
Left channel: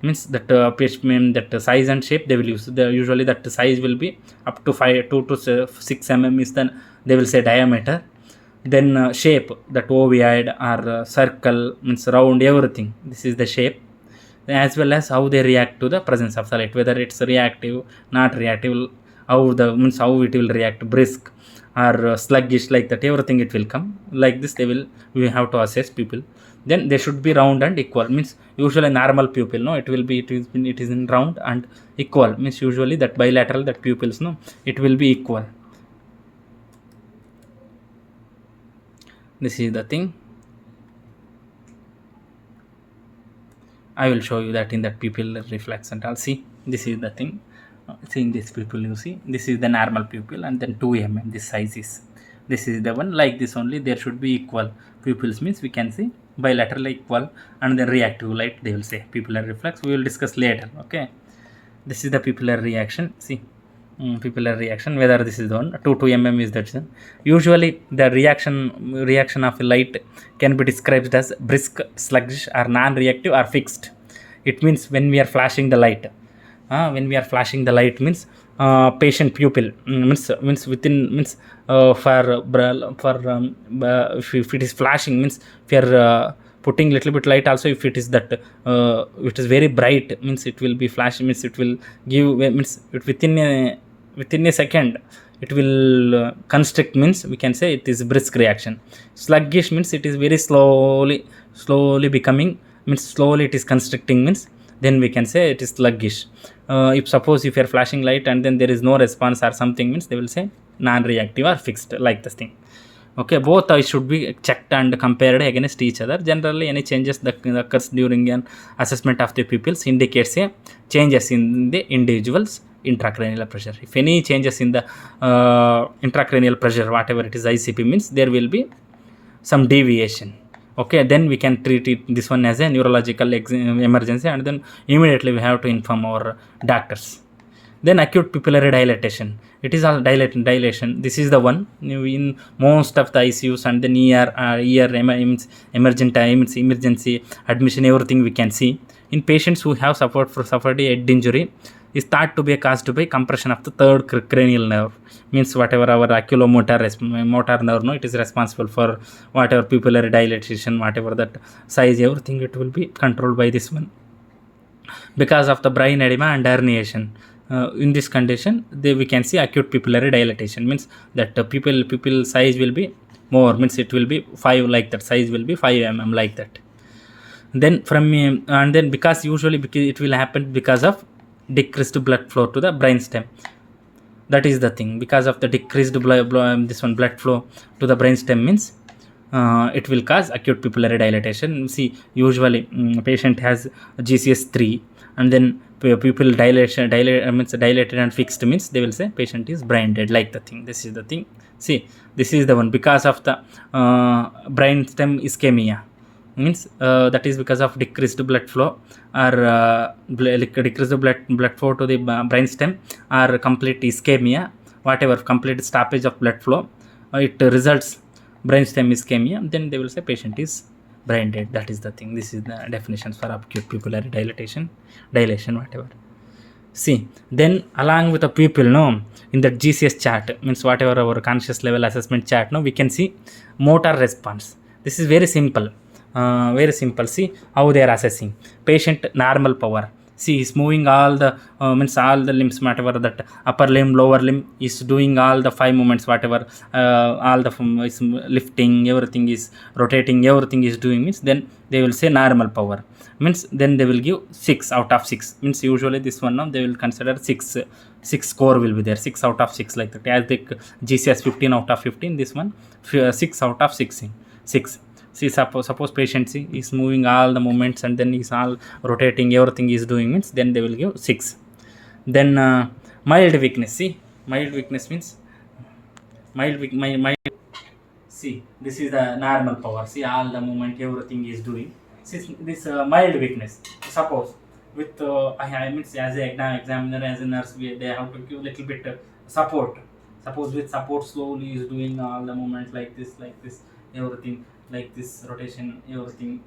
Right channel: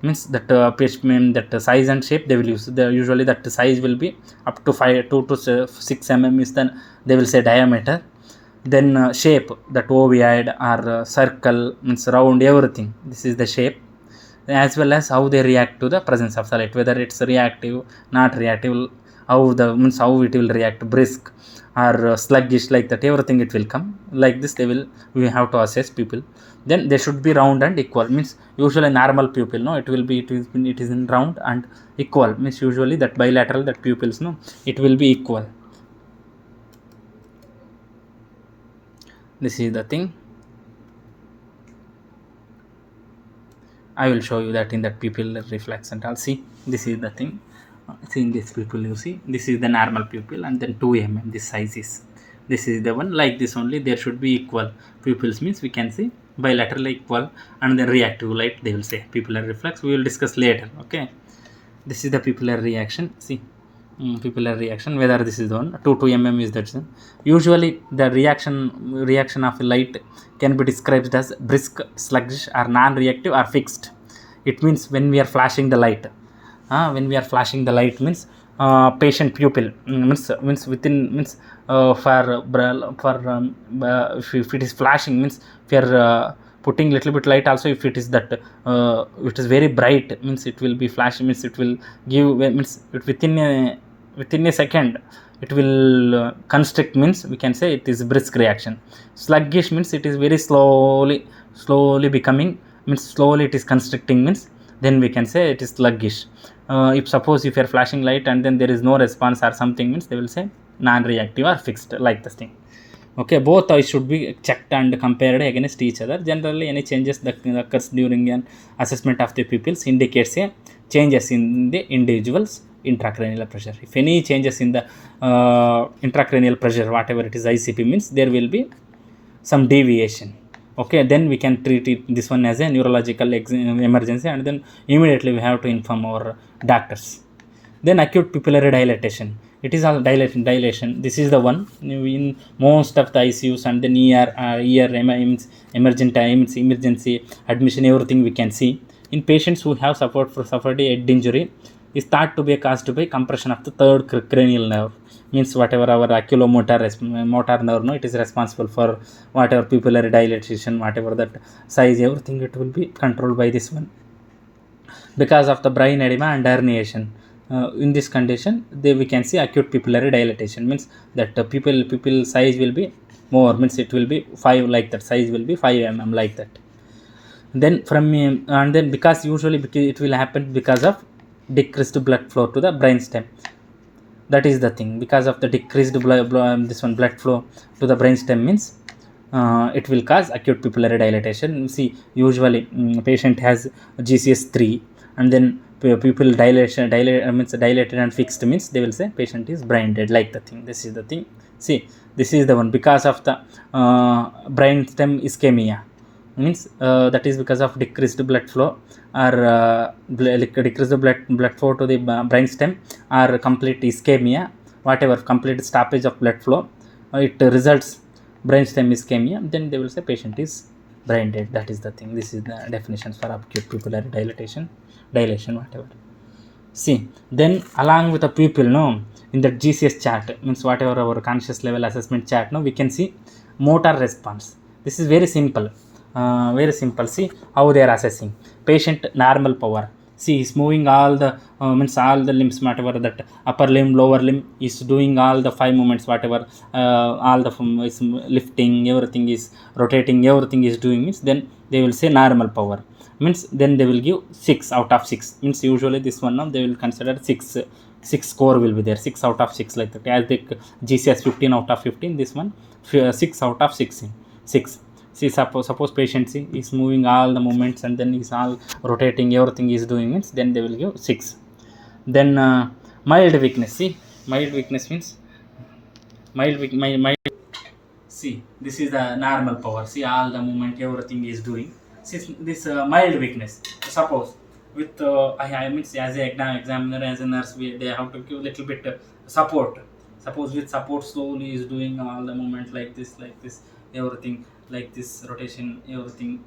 means that that size and shape they will use. Usually that size will be up to 2 to 6 mm is then they will say diameter. Then shape, that ovoid or circle, means round, everything, this is the shape, as well as how they react to the presence of the light, whether it's reactive, not reactive, how it will react, brisk or sluggish, like that, everything it will come like this. We have to assess pupil. Then they should be round and equal, means usually normal pupil it is in round and equal, means usually that bilateral, that pupils it will be equal. This is the thing. I will show you that in that pupil reflex and I'll see. This is the thing. See, in this pupil, you see, this is the normal pupil, and then 2 mm this size is. This is the one, like this only. There should be equal pupils, means we can see bilateral equal, and then reactive light they will say pupillar reflex. We will discuss later. Okay, this is the pupillar reaction. See, pupillar reaction, whether this is the one 2 mm is that. Usually the reaction of light can be described as brisk, sluggish, or non-reactive, or fixed. It means when we are flashing the light, means patient pupil means within, means if it is flashing, means if you are putting little bit light also, if it is that it is very bright, means it will be flashing, means it will give, means it within a second it will constrict, means we can say it is brisk reaction. Sluggish means it is very slowly becoming, means slowly it is constricting, means then we can say it is sluggish. If suppose if you are flashing light and then there is no response or something, means they will say non-reactive or fixed, like this thing. Okay, both should be checked and compared against each other. Generally any changes that occurs during an assessment of the pupils indicates a changes in the individual's intracranial pressure. If any changes in the intracranial pressure, whatever it is ICP, means there will be some deviation. Okay, then we can treat this one as a neurological emergency, and then immediately we have to inform our doctors. Then acute pupillary dilatation, it is all dilation. This is the one in most of the ICUs, and then emergency admission, everything we can see. In patients who have suffered a head injury, is thought to be caused by compression of the third cranial nerve, means whatever our oculomotor motor nerve, it is responsible for whatever pupillary dilatation, whatever that size, everything it will be controlled by this one. Because of the brain edema and herniation, in this condition we can see acute pupillary dilatation, means that pupil size will be more, means it will be 5, like that, size will be 5 mm, like that. Then and then because it will happen because of decreased blood flow to the brainstem. That is the thing. Because of the decreased blood flow to the brainstem, means it will cause acute pupillary dilatation. See, usually patient has GCS 3, and then pupil means dilated and fixed, means they will say patient is brain dead, like the thing. This is the thing. See, this is the one because of the brainstem ischemia, means that is because of decreased blood flow or decreased blood flow to the brainstem, or complete ischemia, whatever, complete stoppage of blood flow, it results brainstem ischemia, then they will say patient is brain dead. That is the thing. This is the definitions for acute pupillary dilation, whatever. See, then along with the pupil, no, in the GCS chart, means whatever our conscious level assessment chart, no, we can see motor response. This is very simple. Very simple. See how they are assessing patient normal power. See, he's moving all the means all the limbs, whatever that upper limb, lower limb is doing all the 5 movements, whatever all the is lifting, everything is rotating, everything is doing, means then they will say normal power, means then they will give 6 out of 6, means usually this one now they will consider 6 score will be there, 6 out of 6 like that, as the GCS 15 out of 15, this one 6 out of 16, 6. See, suppose patient see is moving all the movements and then is all rotating, everything is doing, means then they will give 6. Then mild weakness. See, mild weakness means mild. See, this is the normal power. See, all the movement, everything is doing. See, this mild weakness. Suppose with I mean as a examiner, as a nurse, they have to give little bit support. Suppose with support slowly is doing all the movement like this, everything like this, rotation, everything,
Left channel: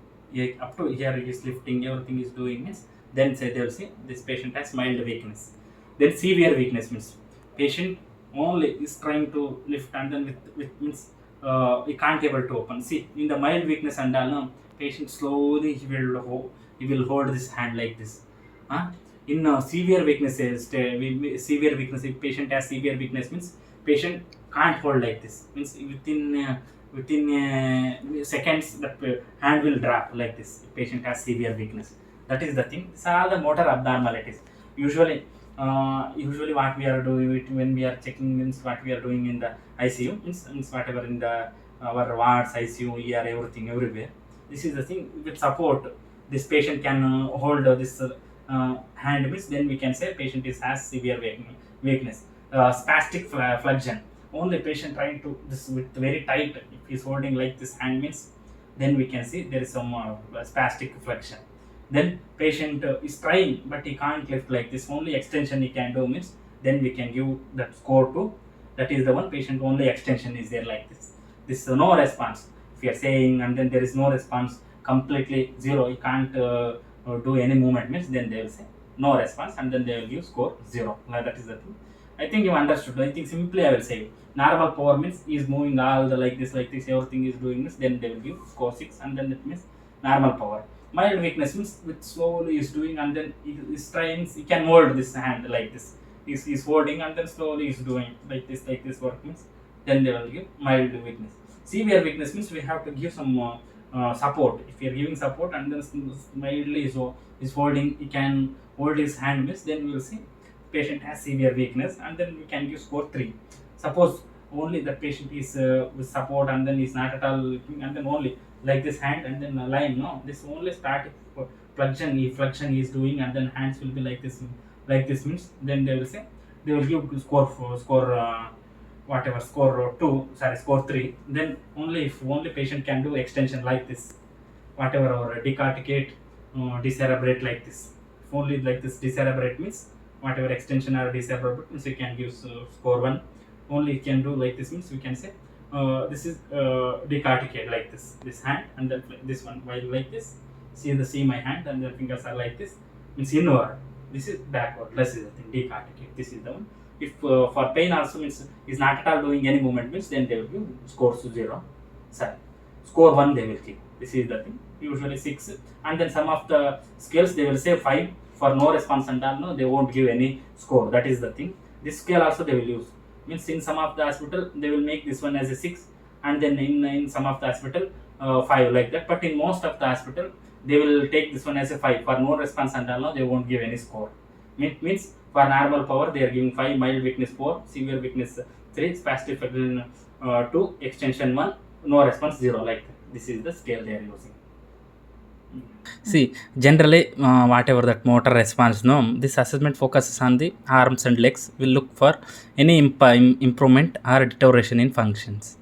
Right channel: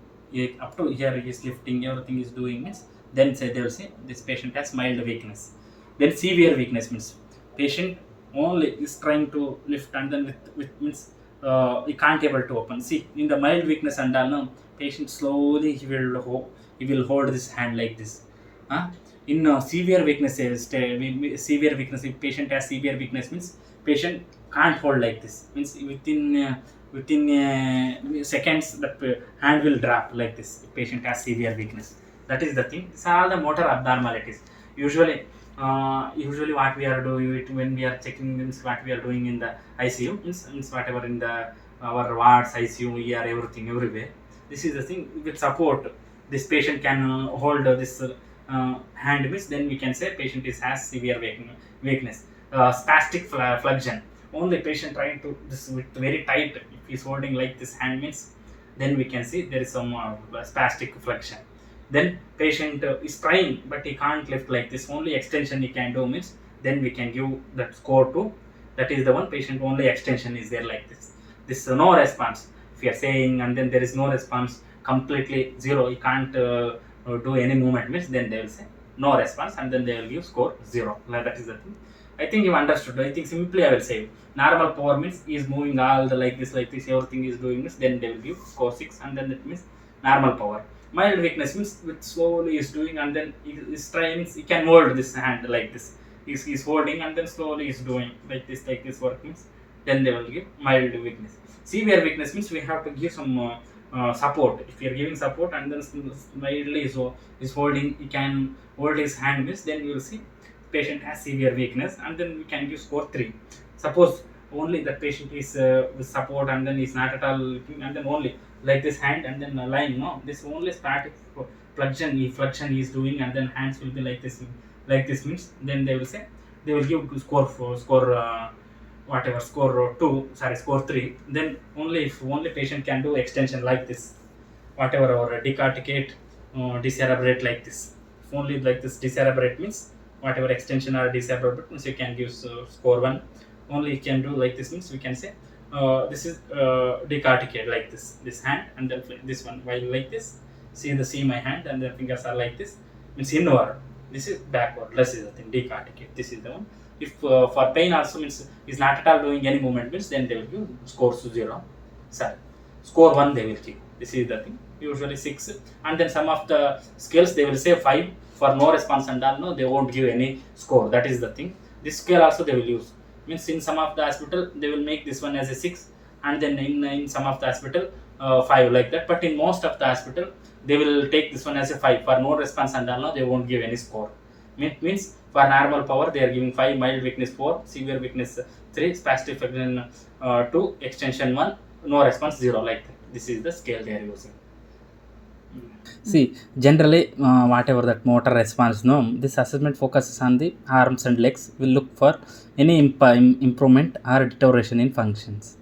up to here is lifting, everything is doing, means then say they will say this patient has mild weakness. Then severe weakness means patient only is trying to lift and then with means he can't able to open. See, in the mild weakness and all, no, patient slowly he will hold this hand like this. In severe weakness, severe weakness, if patient has severe weakness, means patient can't hold like this, means within seconds the hand will drop like this if patient has severe weakness. That is the thing. These are all the motor abnormalities. Usually what we are doing it when we are checking, means what we are doing in the ICU, means whatever in the our wards, ICU, ER, everything, everywhere. This is the thing. With support, this patient can hold this hand, means then we can say patient has severe weakness. Spastic flexion, only patient trying to this with very tight, if he's holding like this hand, means then we can see there is some spastic flexion. Then patient is trying but he can't lift like this, only extension he can do, means then we can give that score to, that is the one patient only extension is there like this no response. If you are saying and then there is no response, completely zero, he can't do any movement, means then they will say no response and then they will give score 0. Like that is the thing. I think you understood. I think simply I will say normal power means is moving all the like this, everything is doing this, then they will give score 6 and then that means normal power. Mild weakness means with slowly is doing and then is trying, he can hold this hand like this, is holding and then slowly is doing like this work, means then they will give mild weakness. Severe weakness means we have to give some support. If you are giving support and then mildly is holding, he can hold his hand, means then we will see patient has severe weakness and then we can give score 3. Suppose only the patient is with support and then is not at all lifting and then only like this hand and then lying, no, this only static flexion is doing and then hands will be like this, means then they will say they will give score whatever score 2, sorry, score 3. Then only if only patient can do extension like this, whatever or decorticate, decerebrate like this. If only like this decerebrate, means whatever extension or decerebrate, means you can give score 1. Only you can do like this, means we can say this is decorticate like this hand and then this one while like this. See my hand and the fingers are like this, means inward, this is backward, less is the thing, decorticate, this is the one. If for pain also, means is not at all doing any movement, means then they will give scores 0, sorry, score 1 they will give. This is the thing. Usually 6 and then some of the scales they will say 5 for no response and all, no, they won't give any score. That is the thing. This scale also they will use, means in some of the hospital they will make this one as a 6 and then in some of the hospital 5 like that, but in most of the hospital they will take this one as a 5 for no response and all, no, they won't give any score. Means for normal power they are giving 5, mild weakness 4, severe weakness 3, spastic flexion 2, extension 1, no response 0 like that. This is the scale they are using. See, generally whatever that motor response, no, this assessment focuses on the arms and legs, will look for any improvement or deterioration in functions.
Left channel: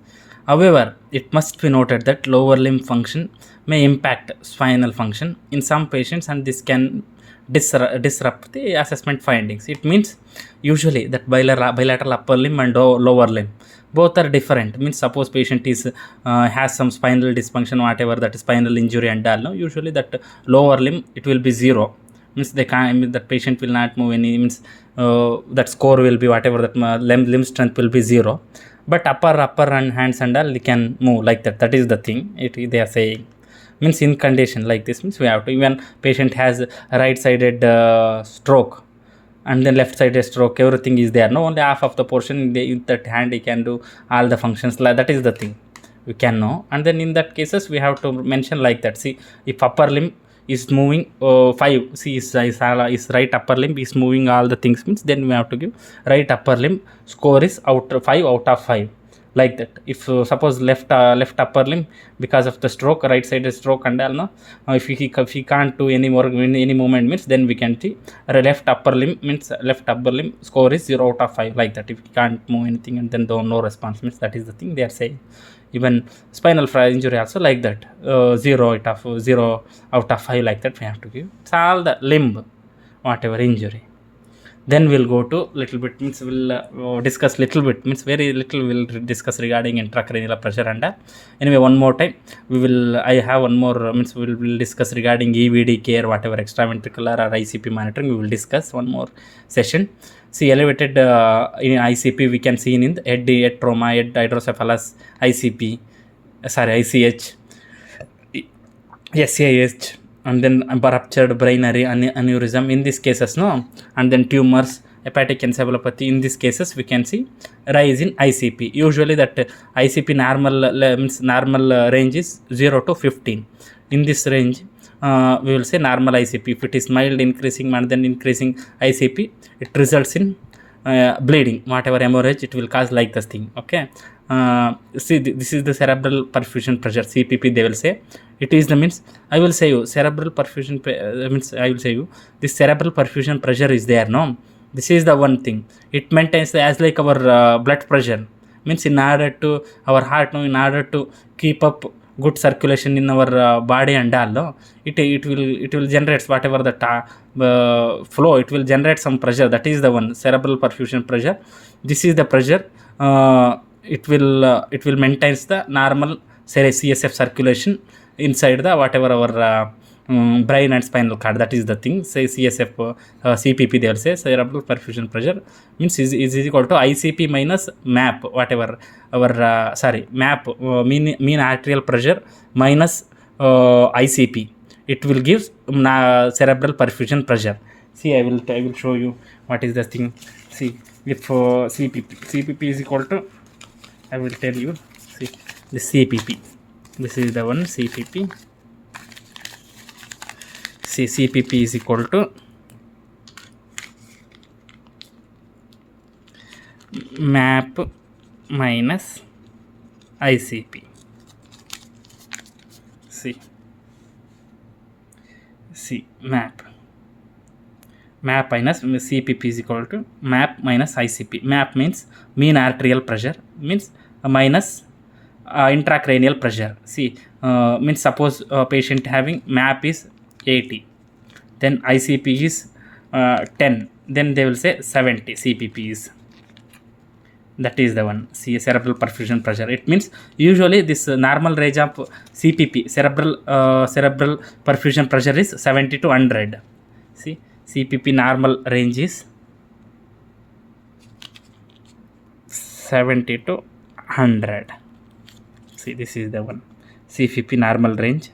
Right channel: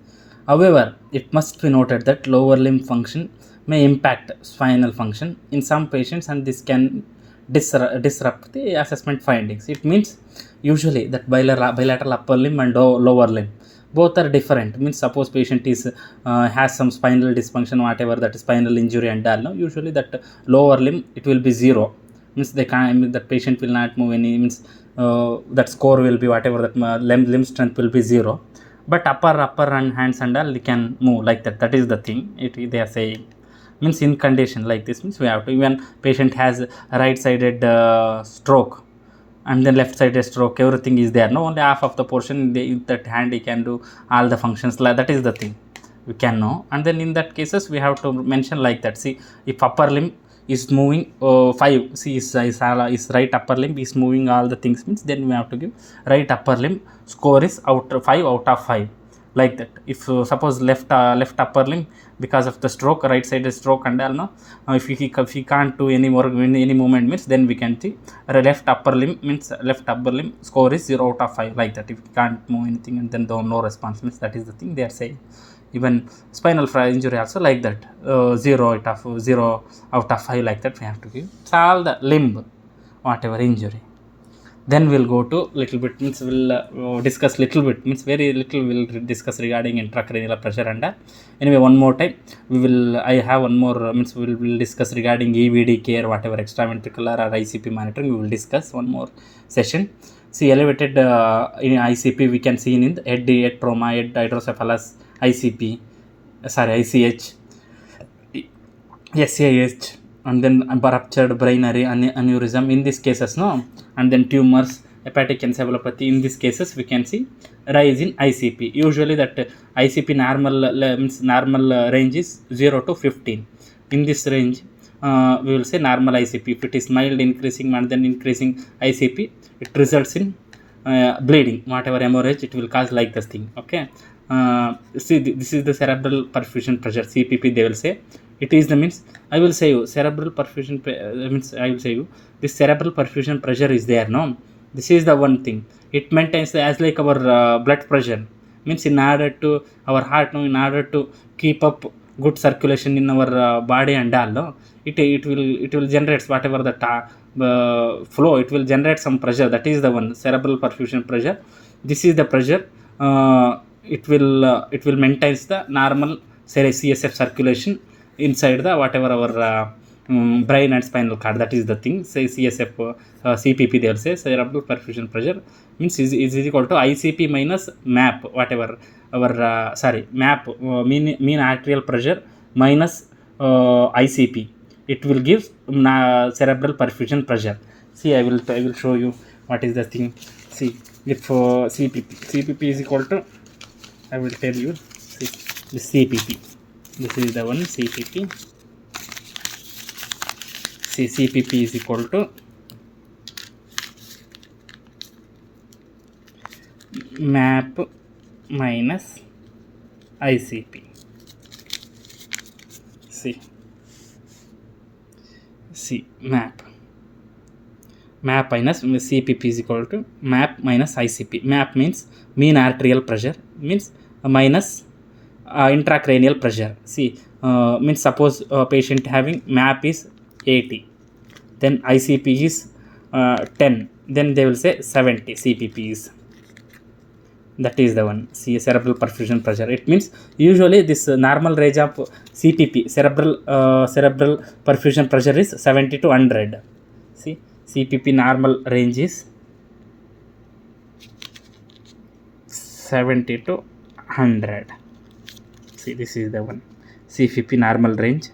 However, it must be noted that lower limb function may impact spinal function in some patients and this can disrupt the assessment findings. It means usually that bilateral upper limb and lower limb both are different, means suppose patient is has some spinal dysfunction, whatever that is spinal injury and all, no, usually that lower limb it will be 0, means they can't, I mean, the patient will not move any, means that score will be whatever, that limb strength will be 0, but upper and hands and all they can move like that. That is the thing they are saying. Means in condition like this, means we have to, even patient has a right sided stroke and then left sided stroke, everything is there, no, only half of the portion in that hand he can do all the functions, like that is the thing we can know. And then in that cases we have to mention like that. See, if upper limb is moving 5, see his right upper limb is moving all the things, means then we have to give right upper limb score is 5 out of 5, like that. If suppose left upper limb, because of the stroke, right sided stroke and all, no, if he can't do any more any movement, means then we can see left upper limb, means left upper limb score is 0 out of 5, like that. If he can't move anything and then no response, means that is the thing they are saying. Even spinal injury also like that, 0 out of 5, like that we have to give. It's all the limb whatever injury. Then we'll go to little bit, means we'll discuss little bit, means very little we'll discuss regarding intracranial pressure. And anyway, one more time I have one more, means we'll discuss regarding EVD care, whatever extraventricular or ICP monitoring, we will discuss one more session. See, elevated in ICP we can see in the head trauma, head hydrocephalus, ICP, ICH, SAH, and then ruptured brain aneurysm in these cases, no, and then tumors, hepatic encephalopathy. In these cases we can see rise in ICP. Usually that ICP normal range is 0 to 15. In this range we will say normal ICP. If it is mild increasing and then increasing ICP, it results in bleeding, whatever hemorrhage it will cause, like this thing. Okay, see, this is the cerebral perfusion pressure, CPP they will say. It is the, means I will say you cerebral perfusion means I will say you this cerebral perfusion pressure is there, no, this is the one thing. It maintains as like our blood pressure, means in order to our heart, no, in order to keep up good circulation in our body and all, no, it will generate whatever the flow, it will generate some pressure. That is the one cerebral perfusion pressure. This is the pressure. It will maintain the normal CSF circulation inside the whatever our brain and spinal cord. That is the thing. Say CSF, CPP they will say cerebral perfusion pressure, means is equal to ICP minus MAP, whatever our MAP, mean arterial pressure, minus ICP. It will give cerebral perfusion pressure. See, I will show you what is the thing. See, if CPP is equal to, I will tell you, see, the CPP. This is the one CPP. See, CPP is equal to MAP minus ICP. See, MAP minus CPP is equal to MAP minus ICP. MAP means mean arterial pressure, means minus intracranial pressure. See, means suppose a patient having MAP is 80, then ICP is 10, then they will say 70 CPP is. That is the one. See, cerebral perfusion pressure. It means usually this normal range of CPP, cerebral perfusion pressure is 70 to 100. See, CPP normal range is 70 to 100. See, this is the one. CPP normal range.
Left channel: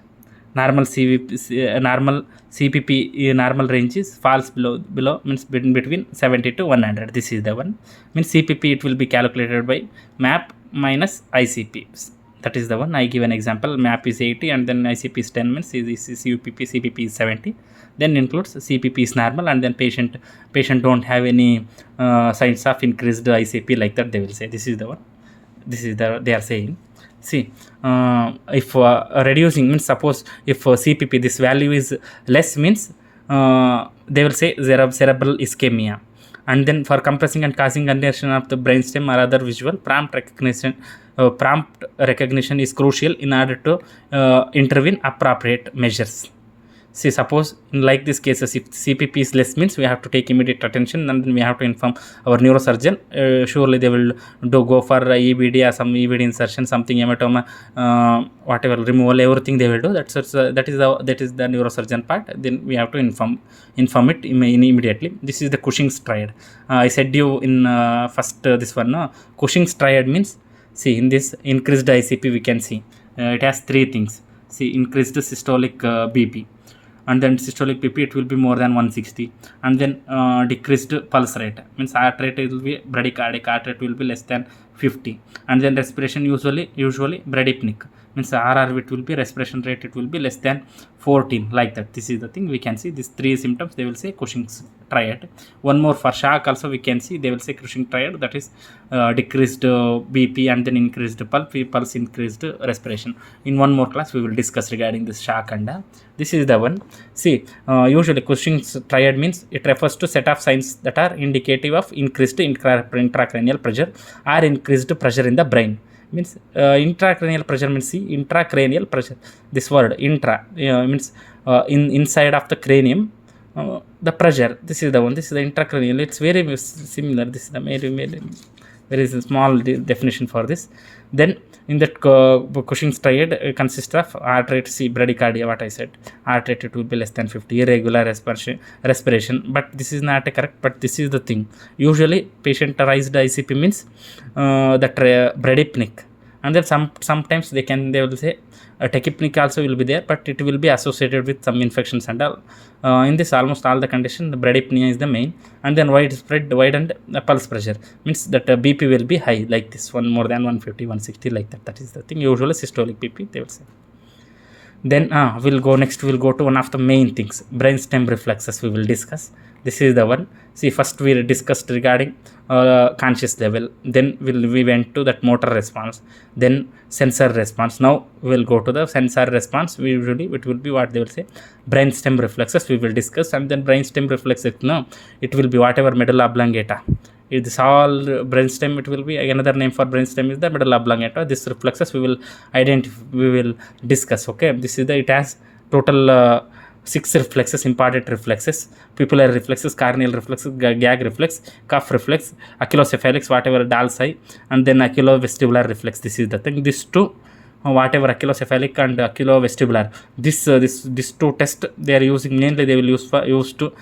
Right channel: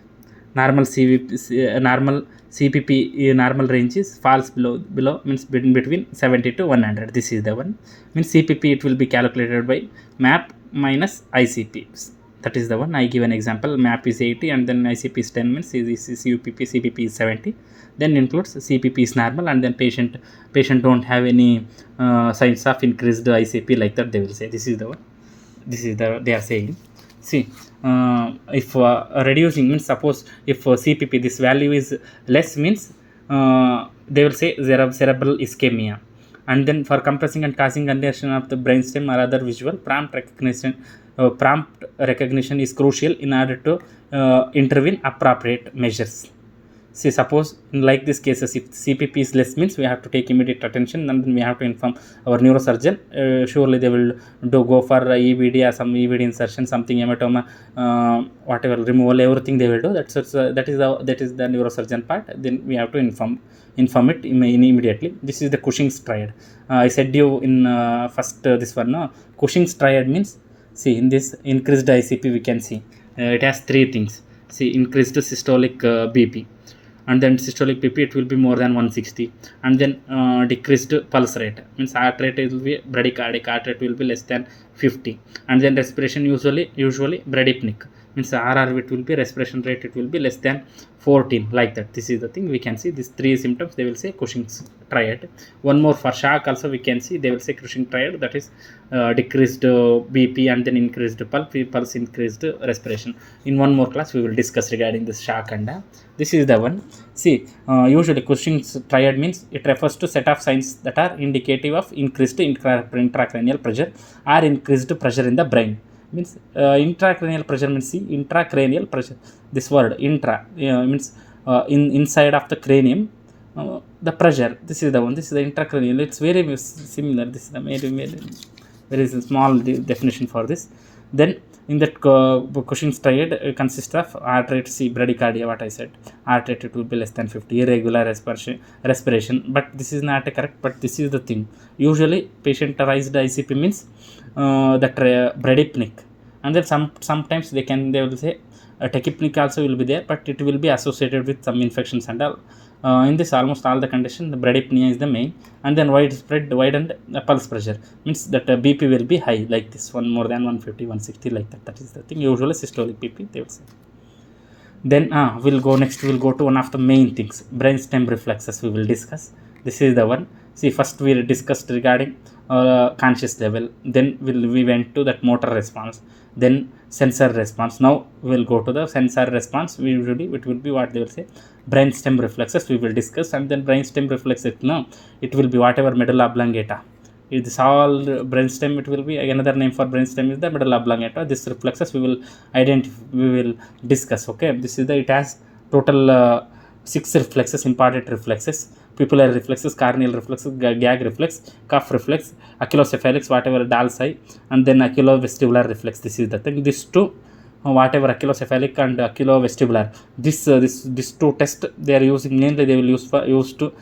Normal CPP normal range is falls below means between 70 to 100. This is the one. Means CPP it will be calculated by MAP minus ICP. That is the one. I give an example. MAP is 80 and then ICP is 10, means CPP is 70. Then includes CPP is normal and then patient don't have any signs of increased ICP, like that they will say. This is the one. This is they are saying. See, if reducing, means suppose if CPP this value is less, means they will say cerebral ischemia. And then for compressing and causing congestion of the brainstem or other visual, prompt recognition is crucial in order to intervene appropriate measures. See, suppose in like these cases, if CPP is less means we have to take immediate attention, and then we have to inform our neurosurgeon. Surely they will go for EBD or some EBD insertion, something hematoma, whatever removal, everything they will do. That is the neurosurgeon part. Then we have to inform it immediately. This is the Cushing's triad. I said you in first this one. No, Cushing's triad means, see, in this increased ICP we can see it has three things. See, increased systolic BP, and then systolic BP it will be more than 160, and then decreased pulse rate, means heart rate it will be bradycardic, heart rate will be less than 50, and then respiration usually bradypneic, means RR it will be respiration rate it will be less than 14, like that. This is the thing we can see. These three symptoms they will say Cushing's triad. One more for shock also we can see, they will say Cushing triad, that is decreased BP and then increased pulse, increased respiration. In one more class we will discuss regarding this shock, and this is the one. See, usually Cushing's triad means it refers to set of signs that are indicative of increased intracranial pressure or increased pressure in the brain. Means intracranial pressure means, see, intracranial pressure, this word intra means inside of the cranium, the pressure, this is the one, this is the intracranial. It's very similar. This is the very small definition for this. Then in that Cushing's triad consists of heart rate, see, bradycardia, what I said, heart rate it will be less than 50, irregular respiration, but this is not correct, but this is the thing. Usually patient-arised ICP means that bradypneic, and then sometimes they will say tachypneic also will be there, but it will be associated with some infections and all. In this almost all the condition, the bradypnea is the main, and then widened pulse pressure means that BP will be high, like this one, more than 150, 160, like that. That is the thing. Usually systolic BP they will say. Then we'll go to one of the main things, brainstem reflexes we will discuss. This is the one. See, first we discussed regarding conscious level, then we went to that motor response, then sensor response. Now we will go to the sensor response. Usually it will be what they will say brainstem reflexes we will discuss, and then brainstem reflexes, no, it will be whatever medulla oblongata. It is all brainstem. It will be another name for brainstem is the medulla oblongata. This reflexes we will discuss. Okay, this is the, it has total 6 reflexes, important reflexes: pupillary reflexes, carneal reflexes, gag reflex, cuff reflex, achilocephalics, whatever Dall's eye, and then achilovestibular reflex. This is the thing. These two, whatever achilocephalic and achilovestibular, this two tests they are using, mainly they will use to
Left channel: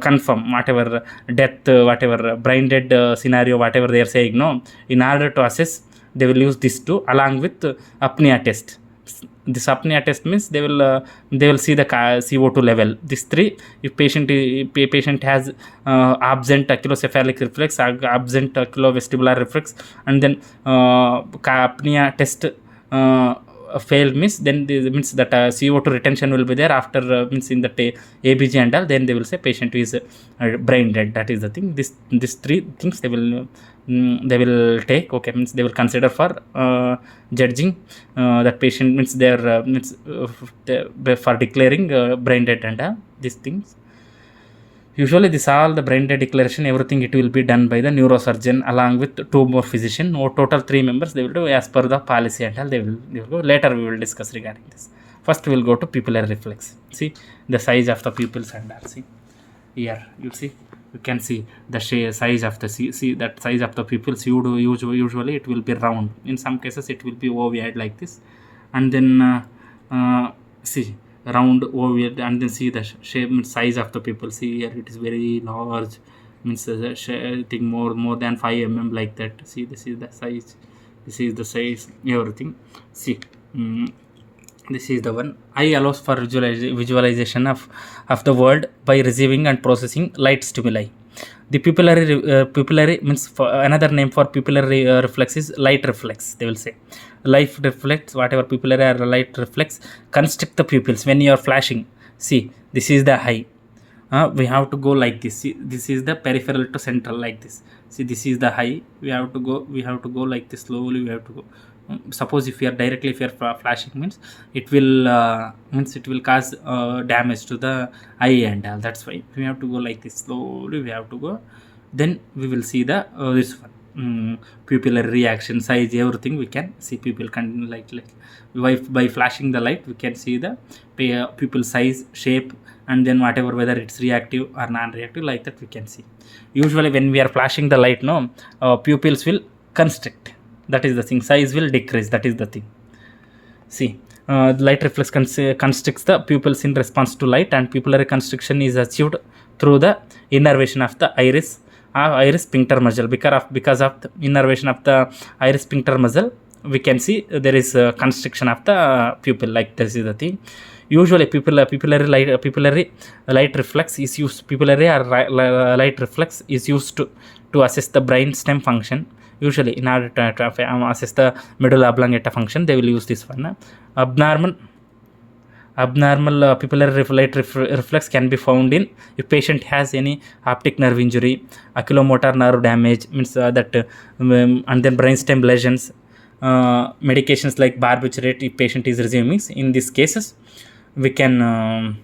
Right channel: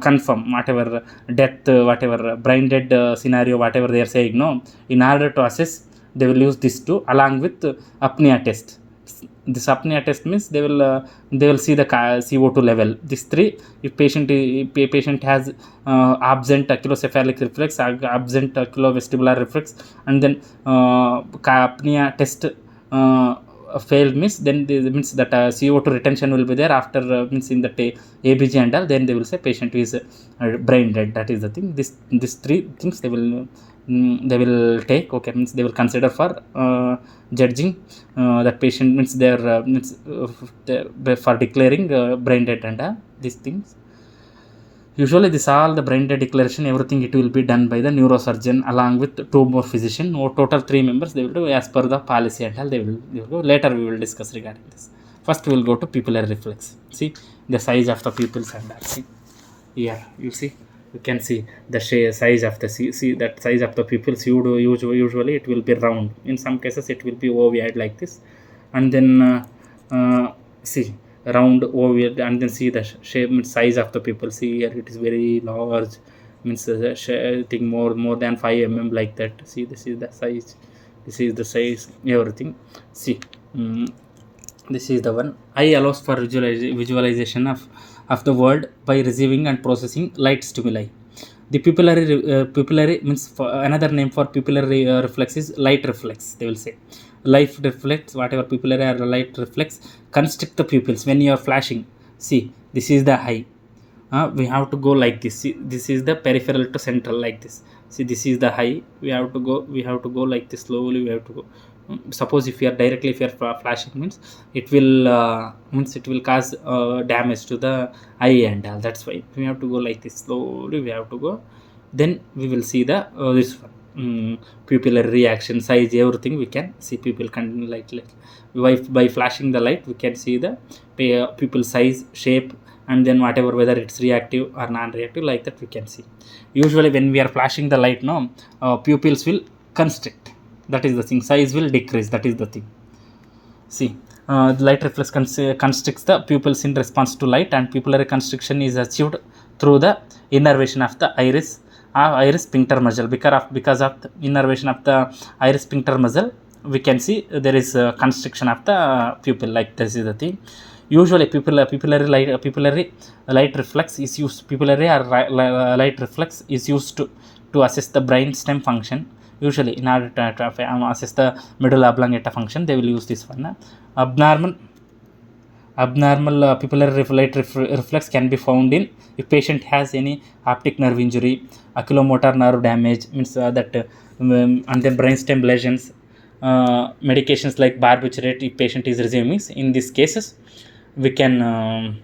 confirm whatever death, whatever brain dead scenario, whatever they are saying. No, in order to assess, they will use these two along with apnea test. This apnea test means they will see the CO2 level. These three, if patient has absent achilocephalic reflex, absent achilovestibular reflex, and then apnea test failed means, then means that CO2 retention will be there after means in the ABG and all, then they will say patient is brain dead. That is the thing. These three things they will take. Okay, means they will consider for judging that patient, means for declaring brain dead and these things. Usually this all the brain dead declaration, everything it will be done by the neurosurgeon along with 2 more physician, or total 3 members they will do as per the policy and all. They will go. Later we will discuss regarding this. First we will go to pupillary reflex. See the size of the pupils and that. See here, you see, you can see the size of the see that size of the pupils. Usually it will be round. In some cases it will be ovoid like this, and then see round ovoid, and then see the shape, size of the pupil. See here it is very large, means thing more than 5 mm like that. See, this is the size, everything. See, this is the one. Eye allows for visualization of the world by receiving and processing light stimuli. The pupillary means, for another name for pupillary reflex is light reflex. They will say light reflex, whatever pupillary or light reflex constrict the pupils when you are flashing. See, this is the eye. We have to go like this. See, this is the peripheral to central like this. See, this is the eye. We have to go like this slowly. We have to go. Suppose if you are flashing, means it will cause damage to the eye and all. That's why we have to go like this slowly. We have to go. Then we will see the this one. pupillary reaction, size, everything we can see. Pupil like by flashing the light we can see the pupil size, shape, and then whatever, whether it's reactive or non-reactive, like that we can see. Usually when we are flashing the light, no, pupils will constrict, that is the thing. Size will decrease, that is the thing. See, the light reflex constricts the pupils in response to light, and pupillary constriction is achieved through the innervation of the iris sphincter muscle. Because of the innervation of the iris sphincter muscle, we can see there is a constriction of the pupil, like this is the thing. Usually pupillary light reflex is used, pupillary or light reflex is used to assess the brain stem function. Usually in order to assess the medulla oblongata function, they will use this one. Abnormal pupillary light reflex can be found in if patient has any optic nerve injury, oculomotor nerve damage, means and then brainstem lesions, medications like barbiturate if patient is receiving. In these cases we can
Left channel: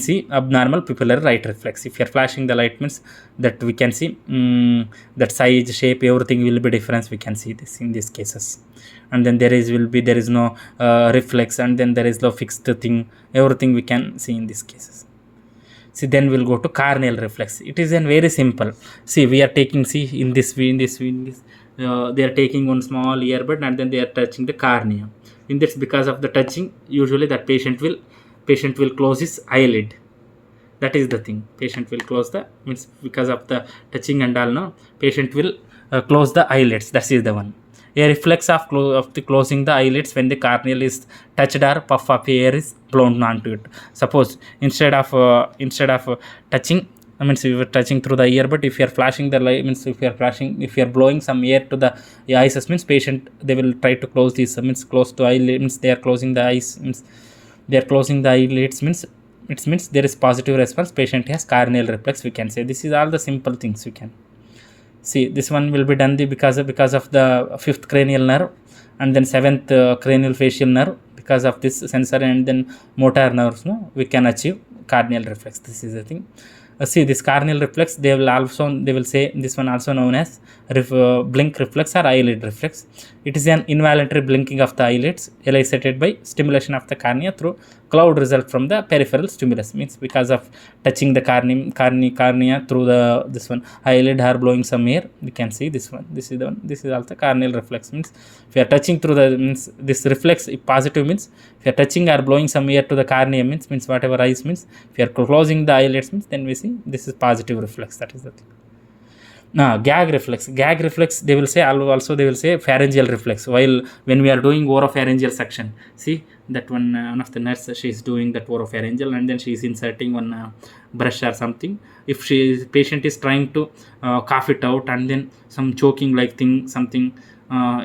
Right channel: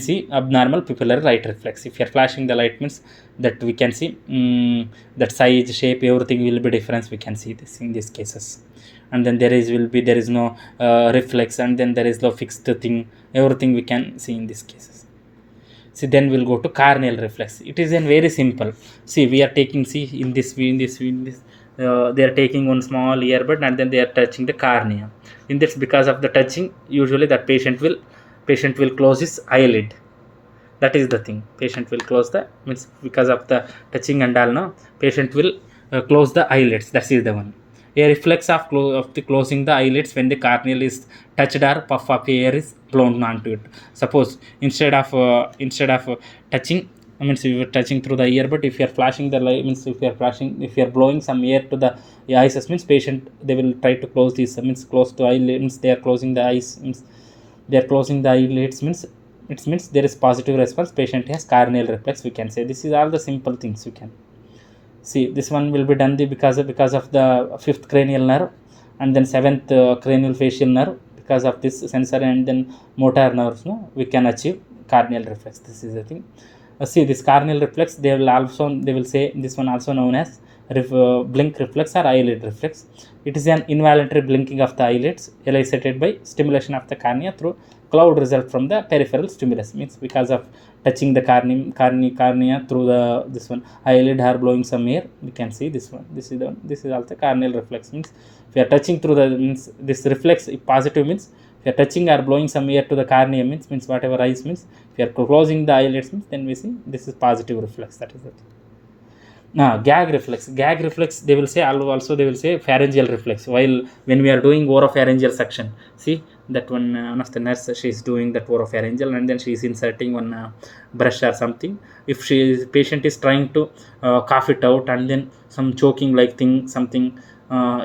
see abnormal pupillary light reflex. If you are flashing the light, means that we can see that size, shape, everything will be different. We can see this in these cases. And then there is no reflex, and then there is no fixed thing, everything we can see in these cases. See, then we'll go to Carneal reflex. It is very simple. See, we are taking, in this they are taking one small earbud, and then they are touching the cornea. In this, because of the touching, usually that patient will close his eyelid. That is the thing. Patient will close the, means because of the touching and all, no, patient will close the eyelids. That is the one. A reflex of the closing the eyelids when the corneal is touched or puff of air is blown onto it. Suppose instead of touching, I mean, so you are touching through the ear, but if you are flashing the light, means if you are blowing some air to the eyes, means patient, they will try to close this, means close to eyelids, means they are closing the eyes, means they are closing the eyelids, means it means there is positive response, patient has Carneal reflex, we can say. This is all the simple things we can see. This one will be done because of the 5th cranial nerve, and then 7th cranial facial nerve. Because of this sensory and then motor nerves, no, we can achieve Carneal reflex. This is the thing. See, this Carneal reflex, they will say this one also known as blink reflex or eyelid reflex. It is an involuntary blinking of the eyelids elicited by stimulation of the cornea through cloud result from the peripheral stimulus. Means because of touching the cornea through this one eyelid or blowing some air, we can see this one. This is the one. This is also Carneal reflex. Means if you are touching through the, means this reflex, if positive, means if you are touching or blowing some air to the cornea, means whatever eyes, means if you are closing the eyelids, means then we see this is positive reflex. That is the thing. Gag reflex. Gag reflex, they will say also, they will say pharyngeal reflex. While when we are doing oropharyngeal suction, see that one of the nurse, she is doing that oropharyngeal, and then she is inserting one brush or something. If patient is trying to cough it out, and then some choking like thing, something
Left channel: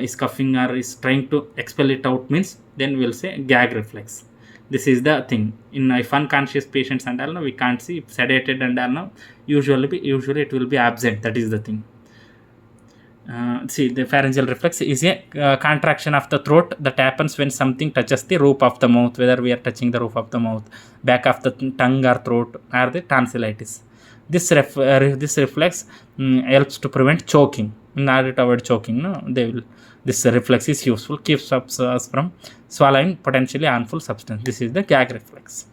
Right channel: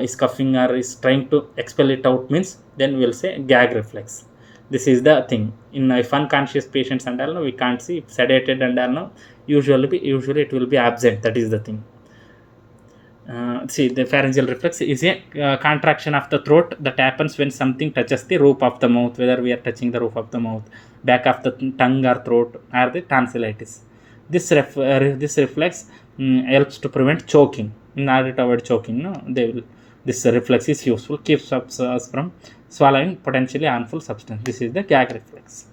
is coughing or is trying to expel it out, means then we will say gag reflex. This is the thing. In if unconscious patients and all, we can't see. If sedated and all, usually it will be absent. That is the thing. See, the pharyngeal reflex is a contraction of the throat that happens when something touches the roof of the mouth, whether we are touching the roof of the mouth, back of the tongue or throat, or the tonsillitis. This reflex helps to prevent choking. In order to avoid choking, no, this reflex is useful, keeps us from swallowing potentially harmful substance. This is the gag reflex.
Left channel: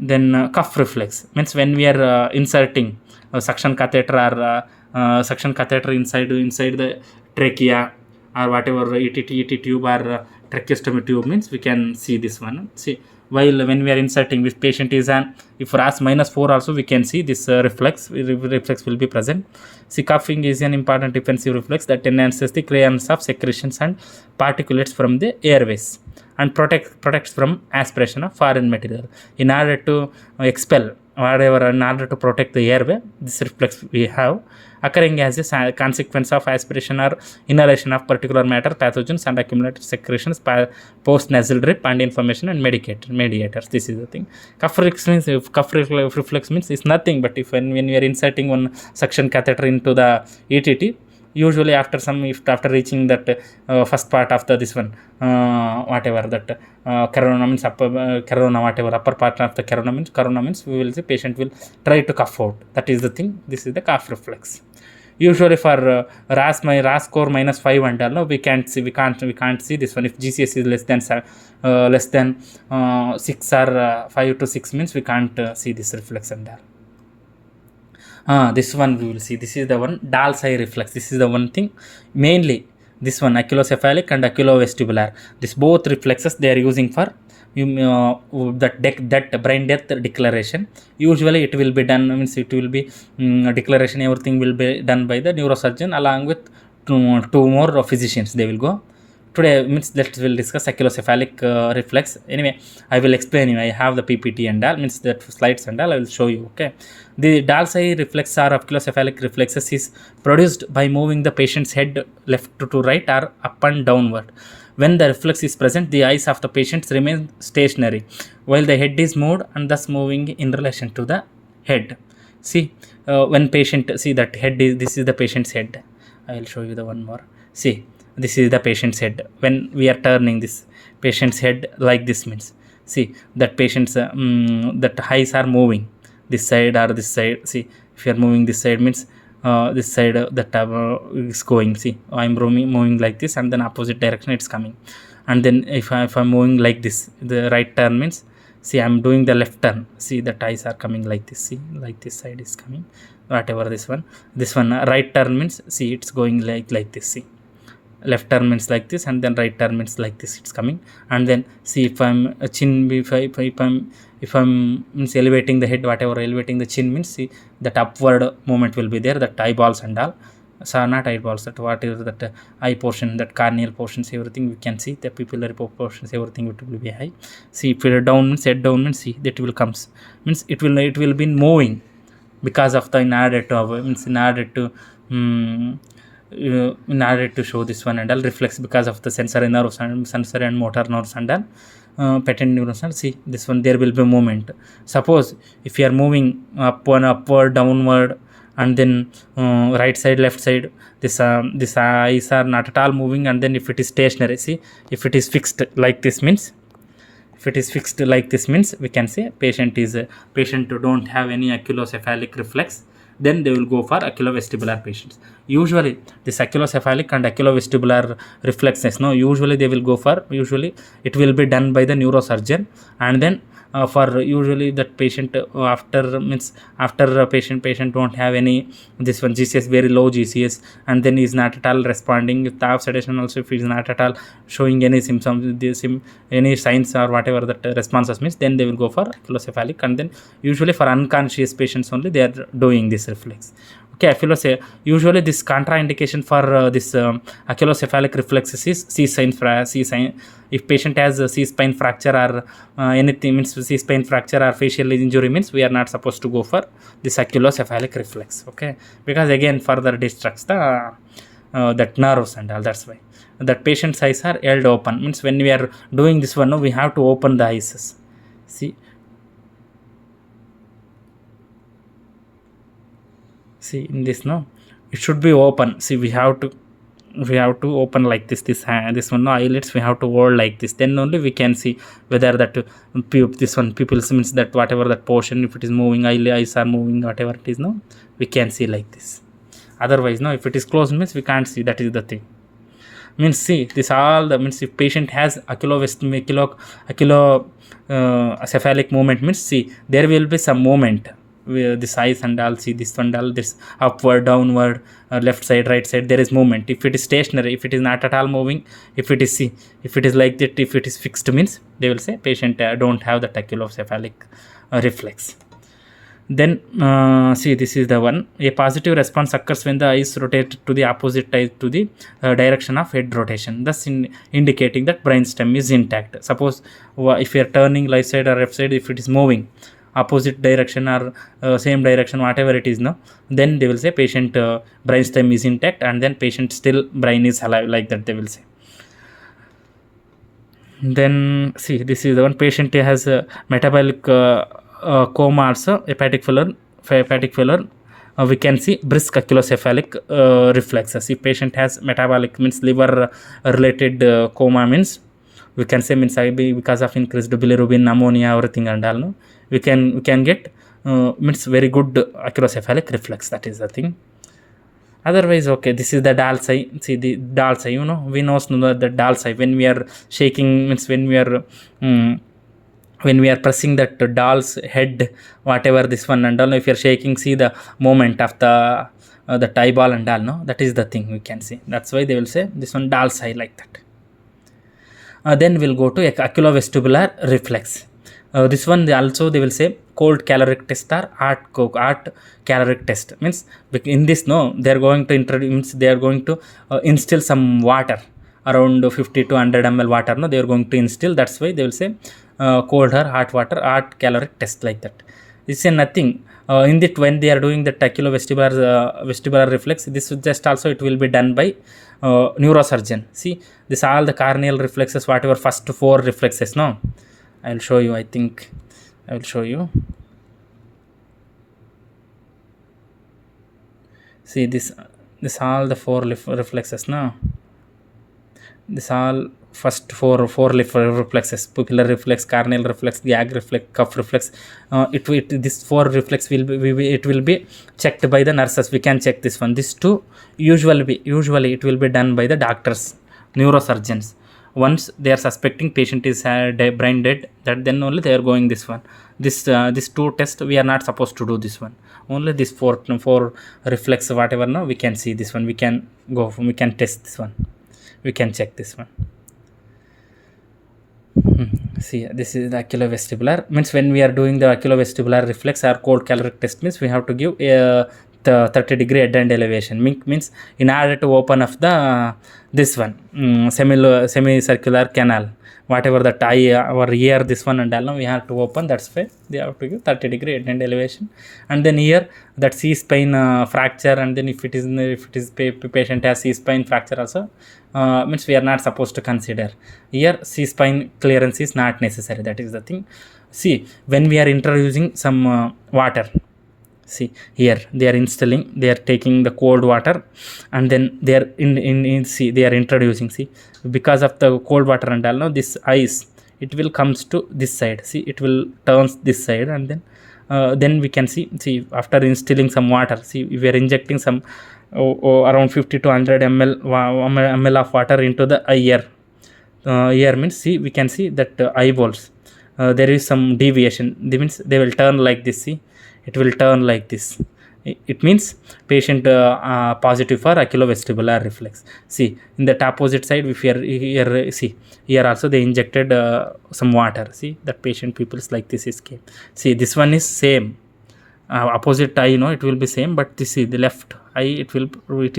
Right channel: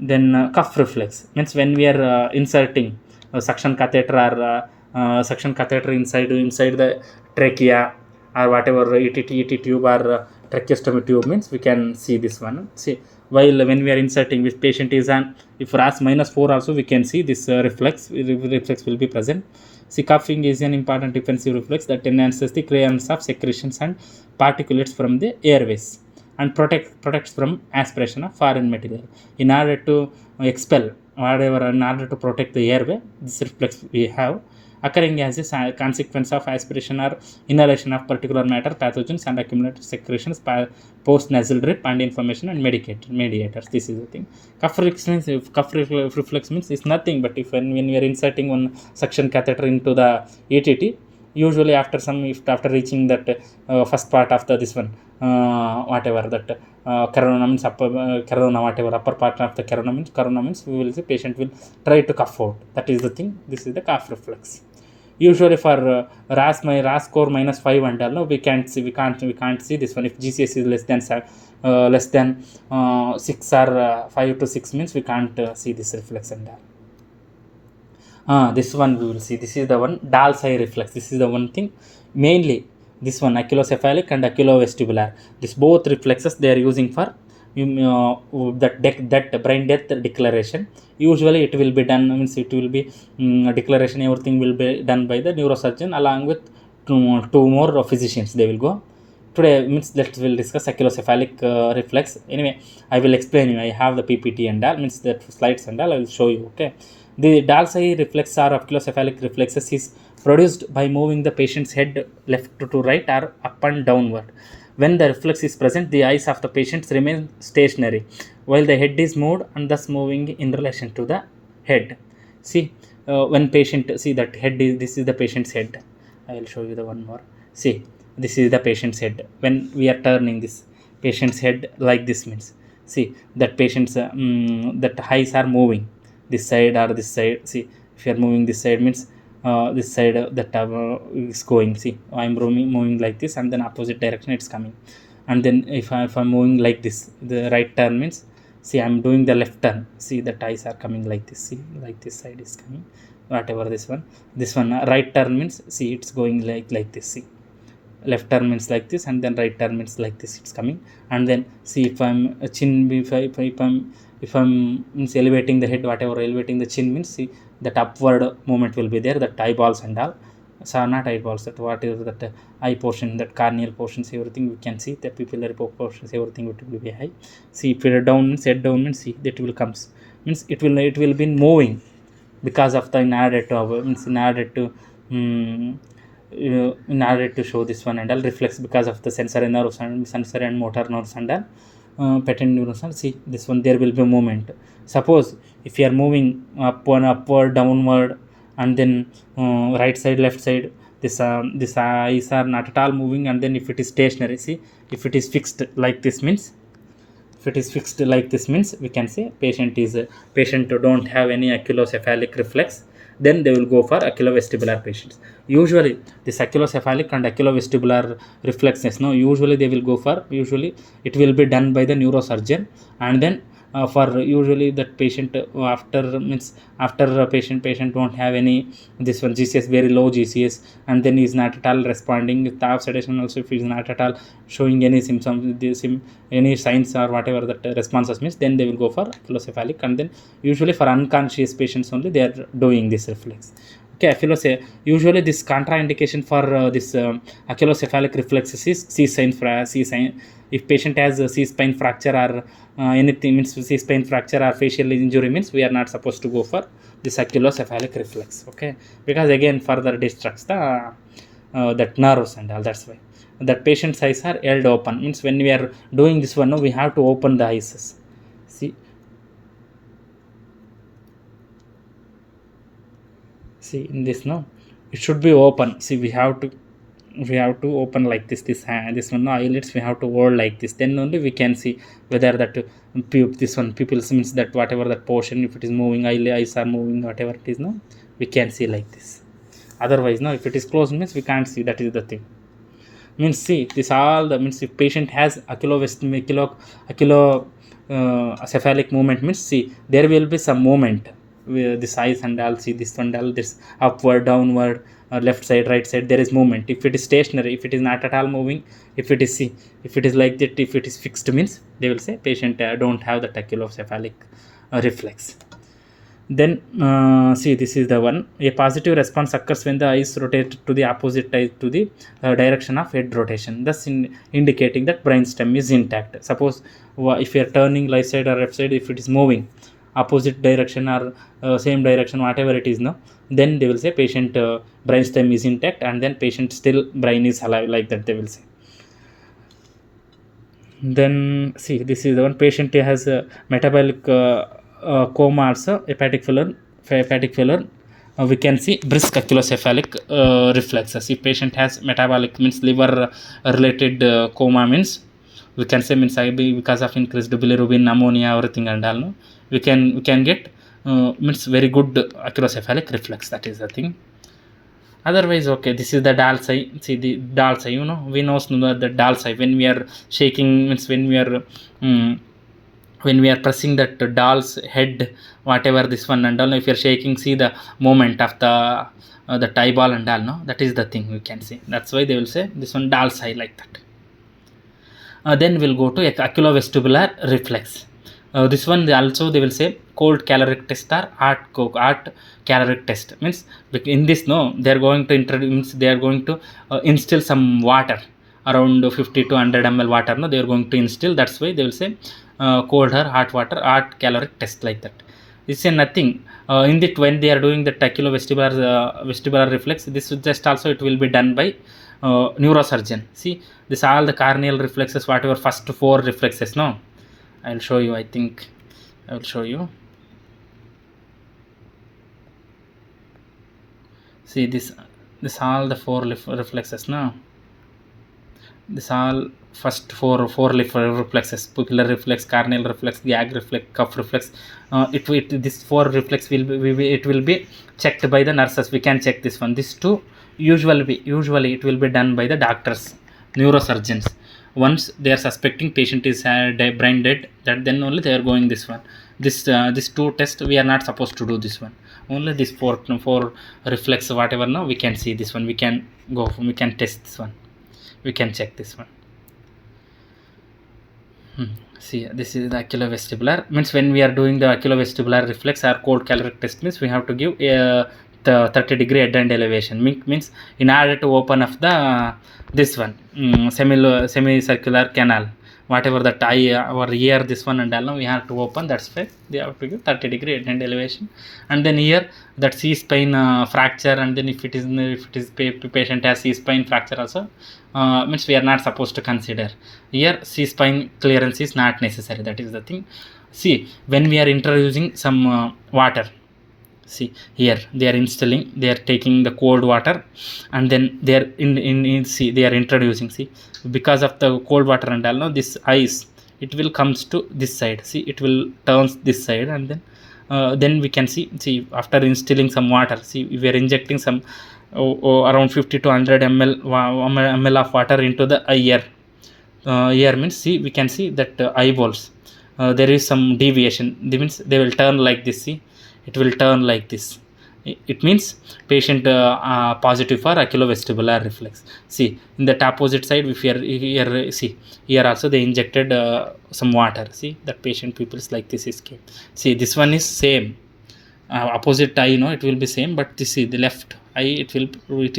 Then cuff reflex, means when we are inserting suction catheter or suction catheter inside the trachea or whatever, ET tube or tracheostomy tube, means we can see this one. See, while when we are inserting, this patient is on, if RASS -4 also, we can see this reflex will be present. See, coughing is an important defensive reflex that enhances the clearance of secretions and particulates from the airways and protects from aspiration of foreign material. In order to expel whatever, in order to protect the airway, this reflex we have occurring as a consequence of aspiration or inhalation of particular matter, pathogens, and accumulated secretions, post nasal drip, and inflammation and mediators. This is the thing. Cuff reflex means it's nothing but if when we are inserting one suction catheter into the ETT, usually after reaching that first part of this one, whatever that corona means, upper part of the corona means we will see patient will try to cough out. That is the thing. This is the cough reflex. Usually for RAS score -5 and all, no, we can't see this one. If GCS is less than 6 or 5 to 6 means we can't see this reflex and all. This one we will see. This is the one Dall's eye reflex. This is the one thing mainly. This one aculocephalic and aculovestibular. This both reflexes they are using for that brain death declaration. Usually it will be done, means it will be declaration, everything will be done by the neurosurgeon along with two more physicians. They will go. Today means let's will discuss aculocephalic reflex. Anyway, I will explain you. I have the PPT and all, means that slides and all I will show you. Okay, the Dall's eye reflex or aculocephalic reflexes is produced by moving the patient's head left to right or up and downward. When the reflex is present, the eyes of the patients remain stationary while the head is moved and thus moving in relation to the head. See, when patient, see that head is, this is the patient's head. I will show you the one more. See, this is the patient's head. When we are turning this patient's head like this means, see that patient's that eyes are moving this side or this side. See, if you are moving this side means this side that is going. See, I'm moving like this and then opposite direction it's coming. And then if I'm moving like this, the right turn means, see, I'm doing the left turn. See, the eyes are coming like this. See, like this side is coming, whatever this one right turn means, see, it's going like this. See, left turn means like this and then right turn means like this it's coming. And then see, if I'm if I'm means elevating the head, whatever elevating the chin means, see, that upward movement will be there, that eyeballs and all. So not eyeballs, that whatever that eye portion, that carneal portions, everything we can see, the pupillary portions, everything it will be high. See, if it down means, head down means, see, that will comes means it will be moving because of the in order to show this one and all reflex, because of the sensory nerves and sensory and motor nerves and all patent neurons. And see, this one there will be movement. Suppose if you are moving upward, downward, and then right side, left side, this eyes are not at all moving. And then if it is stationary, see, if it is fixed like this means, we can say patient don't have any aculocephalic reflex. Then they will go for aculovestibular patients. Usually this aculocephalic and aculovestibular reflexes, no, usually they will go for, usually it will be done by the neurosurgeon. And then for usually that patient after patient don't have any this one GCS, very low GCS, and then is not at all responding with the sedation. Also, if he is not at all showing any symptoms, any signs or whatever that responses means, then they will go for aculocephalic. And then usually for unconscious patients only they are doing this reflex. Okay, usually this contraindication for this aculocephalic reflexes is C sign. If patient has a C spine fracture or anything means, C spine fracture or facial injury means, we are not supposed to go for this aculocephalic reflex. Okay, because again further distracts the that nerves and all. That's why that patient's eyes are held open, means when we are doing this one, no, we have to open the eyes. See in this, no, it should be open. See, we have to open like this one, no, eyelids we have to hold like this. Then only we can see whether that this one pupils means, that whatever that portion, if it is moving, eyes are moving, whatever it is, no, we can see like this. Otherwise, no, if it is closed means we can't see. That is the thing. Means, see, this all the means, if patient has aculocephalic movement means, see, there will be some movement with this eyes and all. See, this one all, this upward, downward, left side, right side, there is movement. If it is stationary, if it is not at all moving, if it is, see, if it is like that, if it is fixed means, they will say patient don't have the aculocephalic reflex. Then see, this is the one. A positive response occurs when the eyes rotate to the opposite eye to the direction of head rotation, thus indicating that brainstem is intact. Suppose if you are turning right side or left side, if it is moving opposite direction or same direction, whatever it is, no, then they will say patient brainstem is intact, and then patient still brain is alive, like that they will say. Then see, this is the one. Patient has a metabolic coma, also hepatic failure. We can see brisk aculocephalic reflexes. If patient has metabolic means liver related coma means, we can say means because of increased bilirubin, ammonia, everything and all, no, we can get means very good aculocephalic reflex. That is the thing. Otherwise, okay, this is the Dall eye. See the Dall eye, we know the Dall eye when we are shaking, means mm, when we are pressing that doll's head, whatever this one and all, if you're shaking, see the movement of the eyeball and all, no, that is the thing you can see. That's why they will say this one doll's eye, like that. Then we'll go to oculovestibular reflex. This one they will say cold caloric test or art caloric test. Means in this, no, they are going to introduce, means they are going to instill some water around 50 to 100 ml water. No, they are going to instill. That's why they will say cold or hot water art caloric test, like that. This is nothing. In that, when they are doing the vestibular reflex, this is just also it will be done by neurosurgeon. See, this all the carneal reflexes, whatever first 4 reflexes. No, I will show you. I think I will show you. See this all the 4 reflexes. No, this all first four reflexes: pupillar reflex, carneal reflex, gag reflex, cuff reflex. This 4 reflex will be it will be checked by the nurses. We can check this one. This 2 usually it will be done by the doctors, neurosurgeons. Once they are suspecting patient is brain dead, that then only they are going this one. This 2 test we are not supposed to do this one. Only this 4 reflex, whatever, now we can see this one. We can test this one. We can check this one. See, this is the oculovestibular. Means when we are doing the oculovestibular reflex or cold caloric test, means we have to give the 30-degree head and elevation. Means in order to open up the this one semicircular canal, whatever that eye or ear, this one and all, we have to open. That's why they have to give 30-degree head and elevation. And then here that C-spine fracture, and then if it is patient has C-spine fracture also, means we are not supposed to consider. Here C-spine clearance is not necessary. That is the thing. See, when we are introducing some water, see here they are instilling, they are taking the cold water, and then they are see they are introducing. See, because of the cold water and all, now this ice, it will comes to this side. See, it will turns this side, and then we can see after instilling some water, see we are injecting some around 50 to 100 ml of water into the ear. Ear means, see, we can see that eyeballs, there is some deviation. That means they will turn like this. See, it will turn like this. It means patient positive for oculovestibular reflex. See, in the opposite side, if here see, here also they injected some water. See, that patient pupils like this is came. See, this one is same. Opposite eye, it will be same, but this is the left eye, it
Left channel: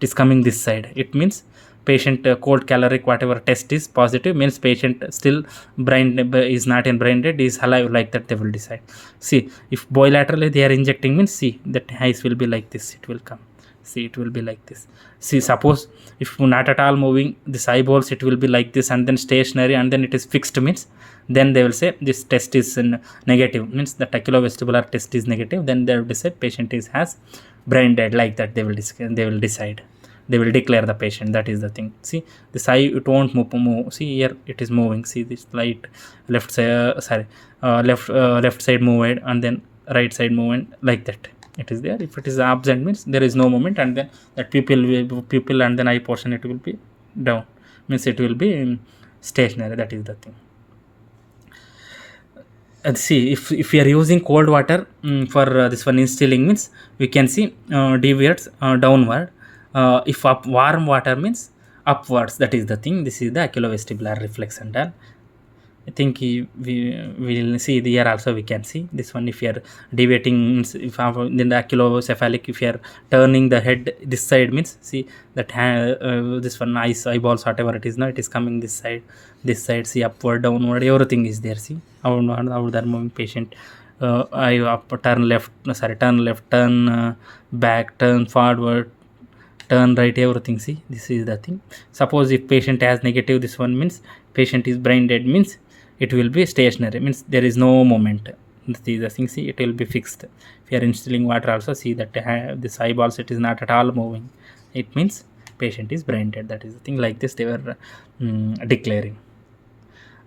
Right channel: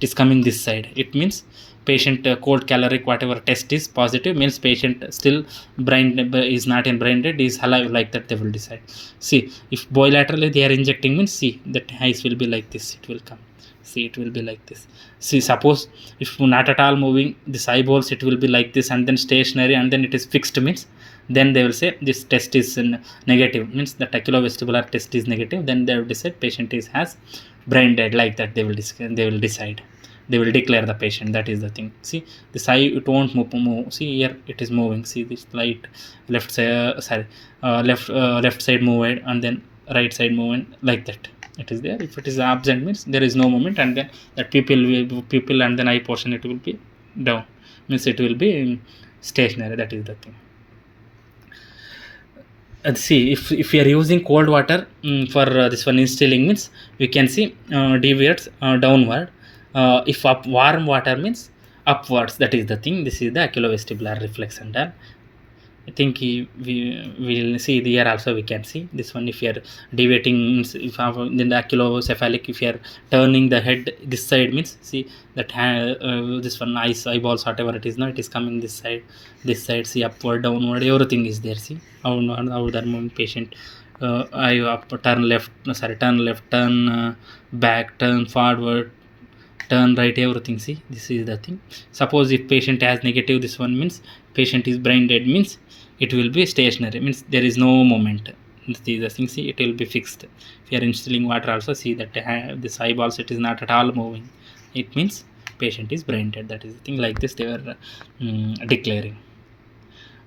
is coming this side. It means patient cold caloric whatever test is positive, means patient still brain is not in brain dead, is alive, like that they will decide. See, if bilaterally they are injecting, means see that eyes will be like this, it will come. See, it will be like this. See, suppose if not at all moving, this eyeballs, it will be like this, and then stationary, and then it is fixed, means then they will say this test is negative, means the oculovestibular test is negative. Then they will decide patient has brain dead, like that they will decide. They will declare the patient. That is the thing. See, this eye, it won't move. See, here it is moving. See, this light left side, left side moved, and then right side movement, like that. It is there. If it is absent, means there is no movement, and then that pupil and then eye portion, it will be down, means it will be stationary. That is the thing. See, if we are using cold water for this one instilling, means we can see deviates downward. If warm water means upwards. That is the thing. This is the oculovestibular reflex and all. I think we will see the here also we can see this one. If you are deviating, if then the oculocephalic, if you are turning the head this side, means see that this one eyeballs, whatever it is now, it is coming this side. See, upward, downward, everything is there. See how the moving patient eye up, turn left, turn back, turn forward, turn right, everything. See, this is the thing. Suppose if patient has negative, this one means patient is brain dead, means it will be stationary, means there is no movement. This is the thing. See, it will be fixed. If you are instilling water also, see that this eyeballs, it is not at all moving. It means patient is brain dead. That is the thing. Like this they were declaring.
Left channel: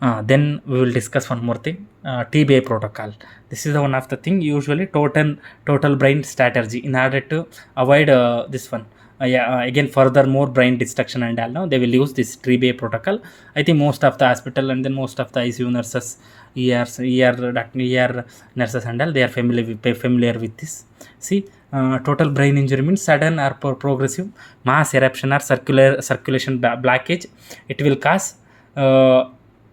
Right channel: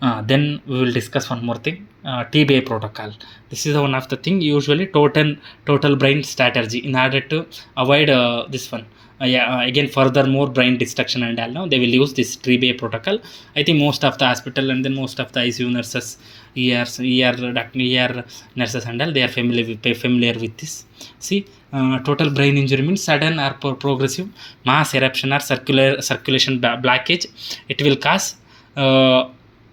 Then we will discuss one more thing, TBI protocol. This is one of the thing, usually total brain strategy in order to avoid this one. Again, furthermore brain destruction and all. Now they will use this TBI protocol. I think most of the hospital and then most of the ICU nurses, ER nurses and all, they are familiar with this. See, total brain injury means sudden or progressive mass eruption or circulation blockage. It will cause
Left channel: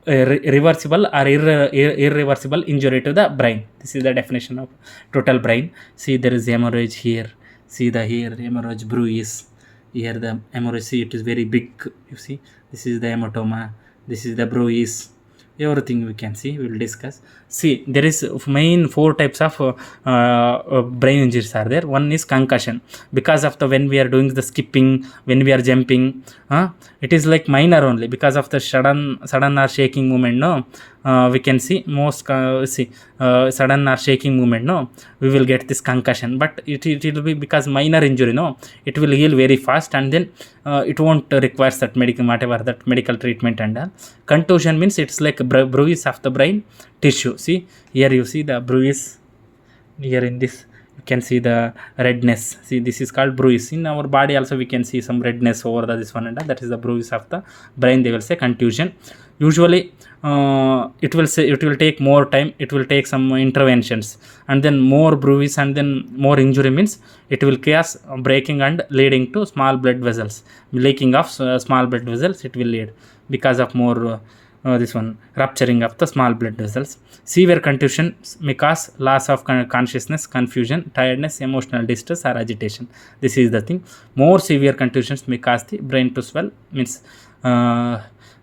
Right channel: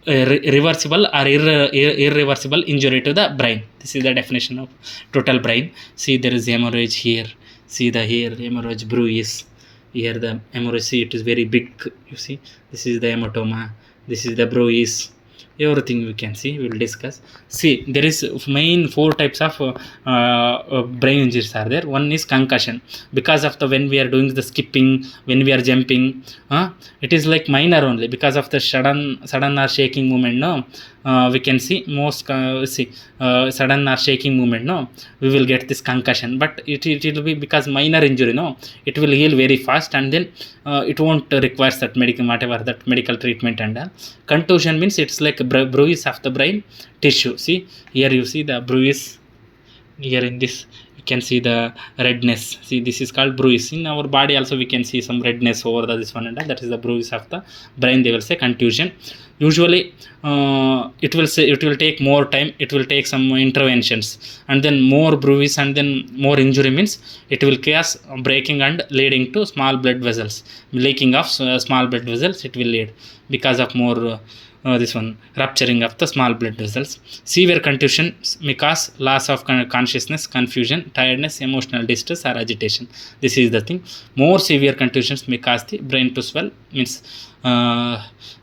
reversible or irreversible injury to the brain. This is the definition of total brain. See, there is hemorrhage here. See the here hemorrhage bruise. Here the hemorrhage. See, it is very big. You see, this is the hematoma. This is the bruise. Everything we can see. We will discuss. See, there is main 4 types of brain injuries are there. One is concussion, because of the when we are doing the skipping, when we are jumping, it is like minor only because of the sudden or shaking movement. No, we can see most sudden or shaking movement. No, we will get this concussion, but it will be because minor injury. No, it will heal very fast and then it won't require that medical treatment and all. Contusion means it's like a bruise of the brain tissue. See, here you see the bruise. Here in this you can see the redness. See, this is called bruise. In our body also we can see some redness over this one and all. That is the bruise of the brain. They will say contusion. Usually it will take more time. It will take some interventions and then more bruise and then more injury means it will cause breaking and leading to small blood vessels, leaking of small blood vessels. It will lead because of more this one rupturing of the small blood vessels. Severe contusion may cause loss of consciousness, confusion, tiredness, emotional distress or agitation. This is the thing. More severe contusions may cause the brain to swell, means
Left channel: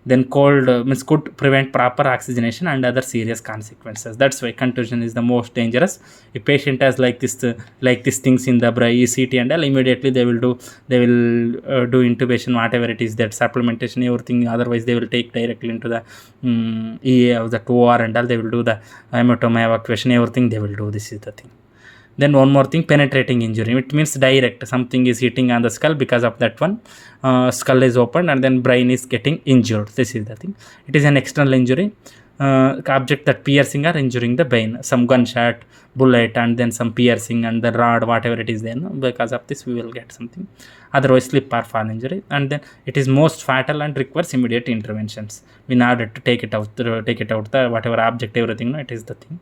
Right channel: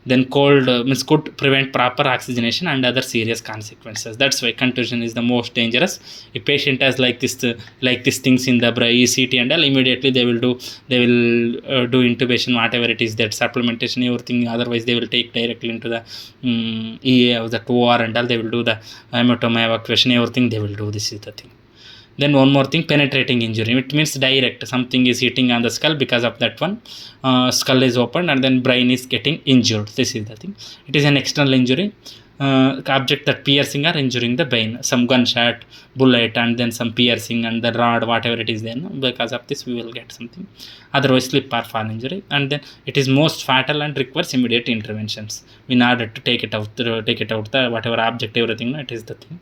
then cold means could prevent proper oxygenation and other serious consequences. That's why contusion is the most dangerous. If patient has like these things in the brain, ECT and all, immediately they will do intubation, whatever it is, that supplementation, everything. Otherwise they will take directly into the EA of the 2R and all. They will do the hematoma evacuation, everything they will do. This is the thing. Then one more thing, penetrating injury. It means direct. Something is hitting on the skull, because of that one, skull is opened and then brain is getting injured. This is the thing. It is an external injury. Object that piercing or injuring the brain. Some gunshot, bullet and then some piercing and the rod, whatever it is there. No? Because of this we will get something. Otherwise slip or fall injury. And then it is most fatal and requires immediate interventions in order to take it out the whatever object, everything. No? It is the thing.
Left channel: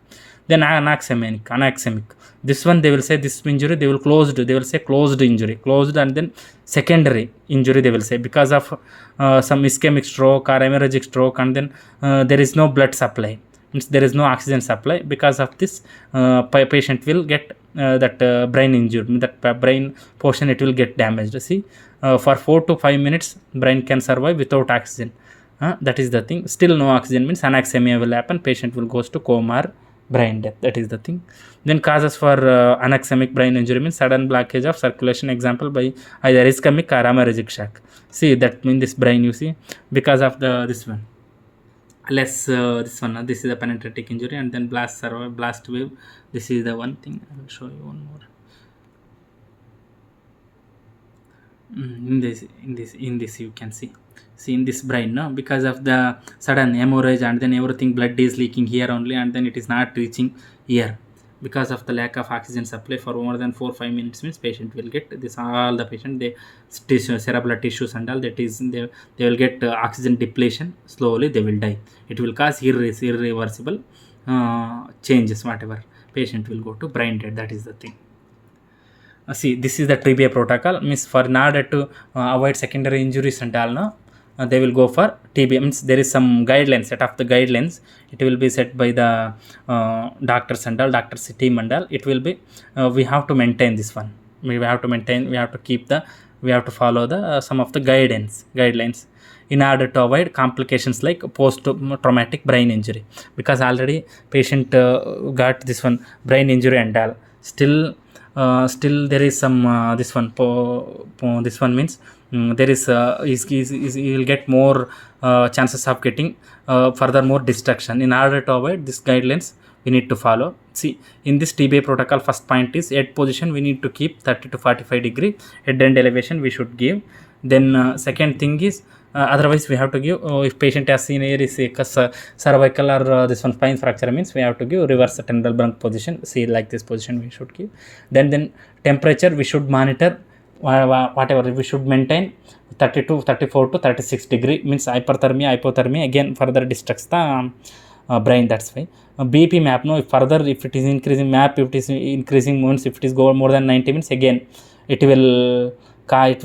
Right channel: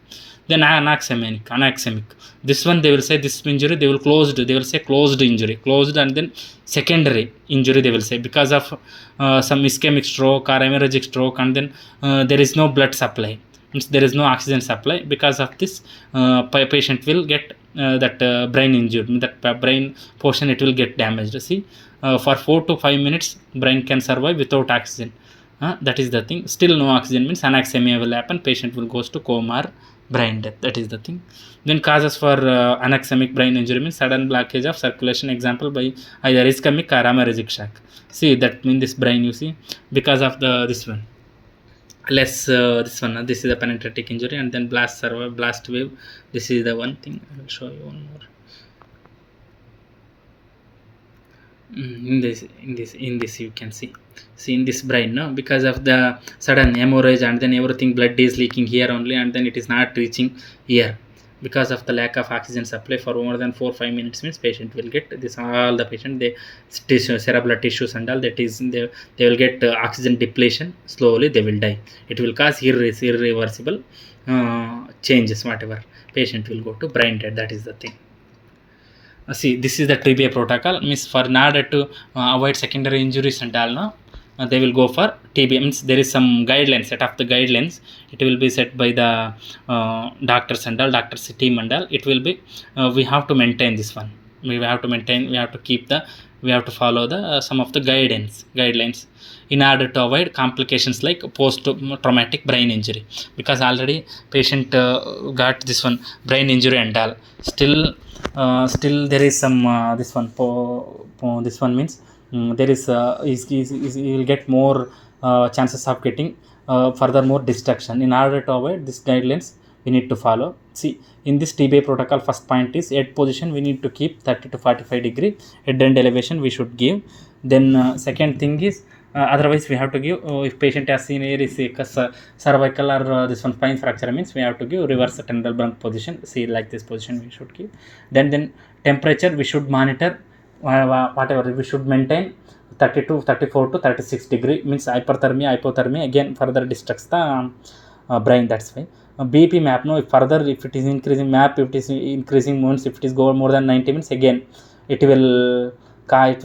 Then anaxemic. This one they will say this injury they will say closed injury, closed, and then secondary injury they will say because of some ischemic stroke or hemorrhagic stroke, and then there is no blood supply, means there is no oxygen supply. Because of this patient will get that brain injured, that brain portion it will get damaged. See, for 4 to 5 minutes brain can survive without oxygen. That is the thing. Still no oxygen means anaxemia will happen, patient will goes to coma or brain death. That is the thing. Then causes for anaxemic brain injury means sudden blockage of circulation, example by either ischemic or hemorrhagic shock. See, that means this brain, you see, because of this one this is the penetrating injury, and then blast wave. This is the one thing. I will show you one more. In this you can see in this brain, no, because of the sudden hemorrhage and then everything, blood is leaking here only and then it is not reaching here because of the lack of oxygen supply for more than 4-5 minutes means patient will get this. All the patient, they cerebral tissues and all, that is they will get oxygen depletion. Slowly they will die. It will cause irreversible changes, whatever. Patient will go to brain dead. That is the thing. See, this is the TBI protocol, means for in order to avoid secondary injuries and all, no, they will go for TBI. Means there is some guidelines, set of the guidelines. It will be set by the doctors and all, doctors team and all. It will be we have to maintain this one. We have to follow the some of the guidelines in order to avoid complications like post-traumatic brain injury, because already patient got this one brain injury and all. Still there is some this one means there is he will get more chances of getting furthermore destruction. In order to avoid these guidelines, we need to follow. See, in this TBI protocol, first point is head position we need to keep 30 to 45 degree, head end elevation we should give. Then second thing is Otherwise we have to give, if patient has seen here is a cervical or this one spine fracture, means we have to give reverse tendral bunk position. See, like this position we should give. Then temperature we should monitor, whatever we should maintain 32, 34 to 36 degree, means hypothermia again further distracts the brain. That's why BP map, no, if further if it is increasing map, if it is increasing means if it is go more than 90 minutes, again it will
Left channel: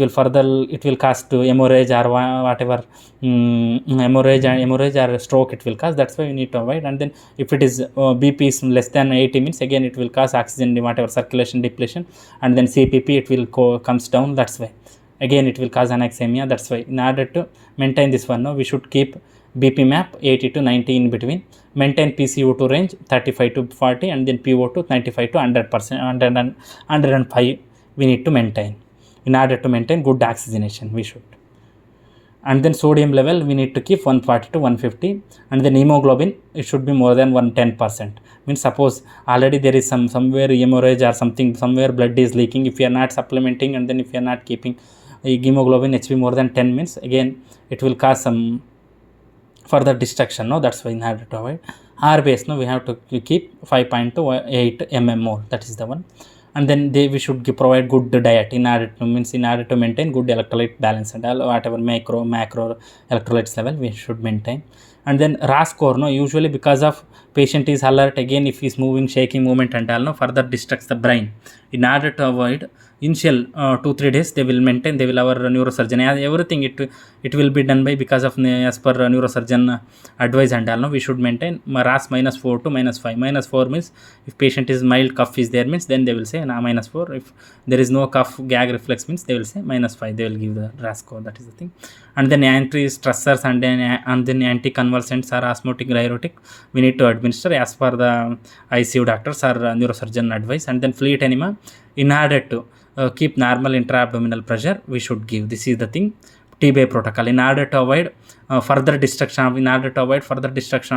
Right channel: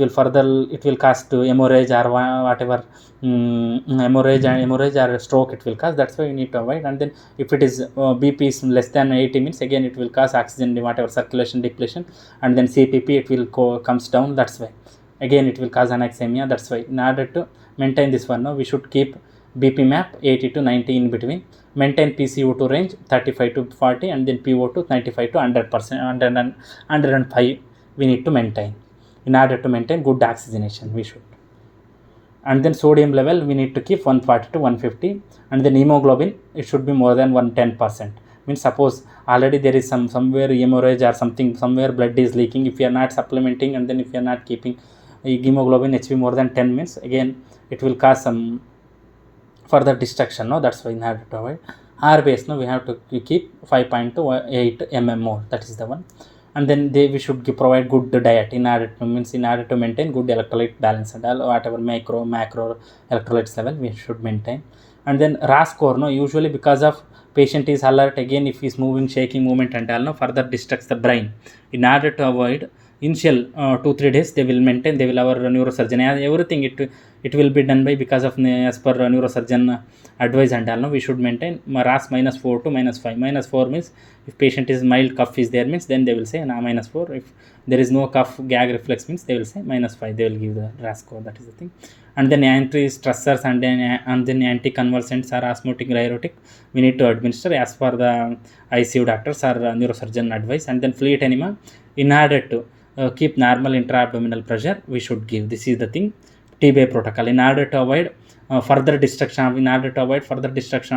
further, it will cause to hemorrhage or whatever, hemorrhage or stroke it will cause. That's why you need to avoid. And then if it is BP is less than 80 minutes, again it will cause oxygen whatever circulation depletion, and then CPP it will comes down. That's why again it will cause anaxemia. That's why in order to maintain this one, no, we should keep BP map 80 to 90 in between, maintain PCO2 range 35 to 40, and then PO2 95 to 100%, 105 we need to maintain in order to maintain good oxygenation we should. And then sodium level we need to keep 140 to 150, and then hemoglobin it should be more than 110%. Means suppose already there is somewhere hemorrhage or something, somewhere blood is leaking, if you are not supplementing and then if you are not keeping hemoglobin HB more than 10 minutes, again it will cause some further destruction, no. That's why in order to avoid R base, no, we have to keep 5.28 mm more. That is the one. And then we should provide good diet in order to maintain good electrolyte balance and all, whatever macro electrolytes level we should maintain. And then RASS score, no, usually because of patient is alert, again if he is moving, shaking movement and all, no, further distracts the brain. In order to avoid initial 2-3 days they will maintain, they will our neurosurgeon, everything it will be done by because of as per neurosurgeon advice and all, no, we should maintain RASS -4 to -5. -4 means if patient is mild cough is there, means then they will say -4. If there is no cough gag reflex means they will say -5, they will give the RASS score. That is the thing. And then anti-stressors and then anti-convulsants or osmotic diuretic we need to administer as per the ICU doctors or neurosurgeon advice. And then fleet enema, in order to keep normal intra-abdominal pressure we should give. This is the thing, TBI protocol. In order to avoid further destruction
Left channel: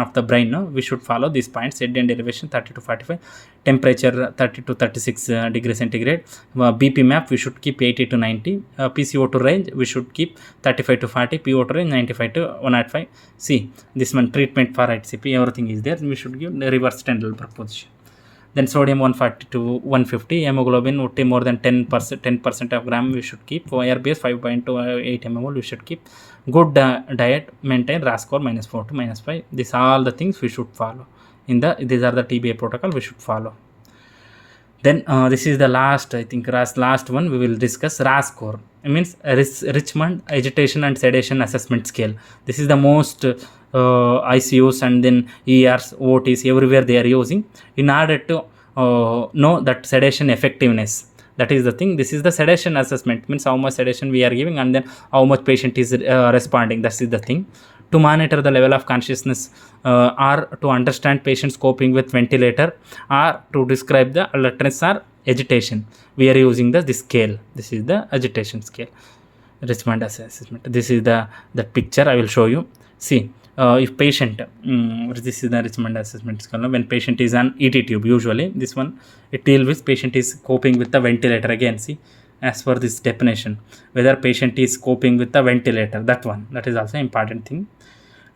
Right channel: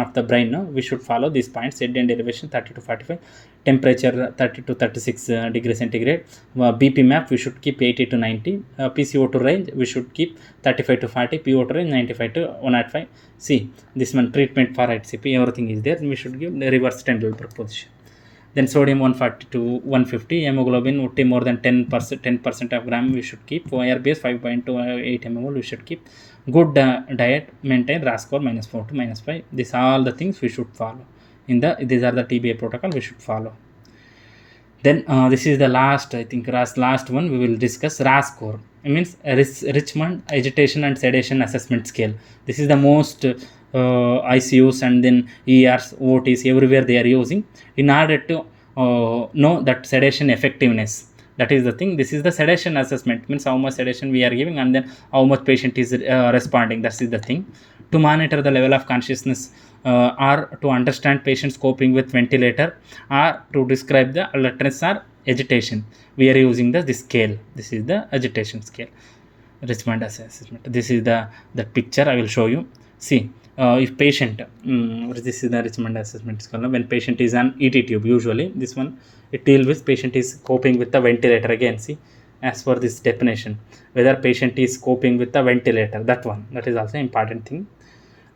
of the brain, no, we should follow these points: head and elevation 30 to 45, temperature 30 to 36 degrees centigrade, BP map we should keep 80 to 90, PCO2 range we should keep 35 to 40, PO2 range 95 to 105. See this one, treatment for HCP, everything is there. We should give the reverse tendral position. Then sodium 140 to 150, hemoglobin would be more than 10% of gram we should keep, RBS 5.28 mmol we should keep. Good diet, maintain RASS score -4 to -5. These are all the things we should follow these are the TBI protocol we should follow. Then this is the last, I think last one we will discuss, RASS score. It means Richmond Agitation and Sedation Assessment Scale. This is the most ICUs and then ERs, OTs, everywhere they are using in order to know that sedation effectiveness. That is the thing. This is the sedation assessment, means how much sedation we are giving and then how much patient is responding. That is the thing. To monitor the level of consciousness or to understand patients coping with ventilator or to describe the alertness or agitation, we are using this scale. This is the agitation scale, Richmond assessment. This is the picture I will show you. See, if patient, this is the Richmond assessment scale. When patient is on ET tube, usually this one it deals with patient is coping with the ventilator. Again, see, as for this definition, whether patient is coping with the ventilator, that is also important thing,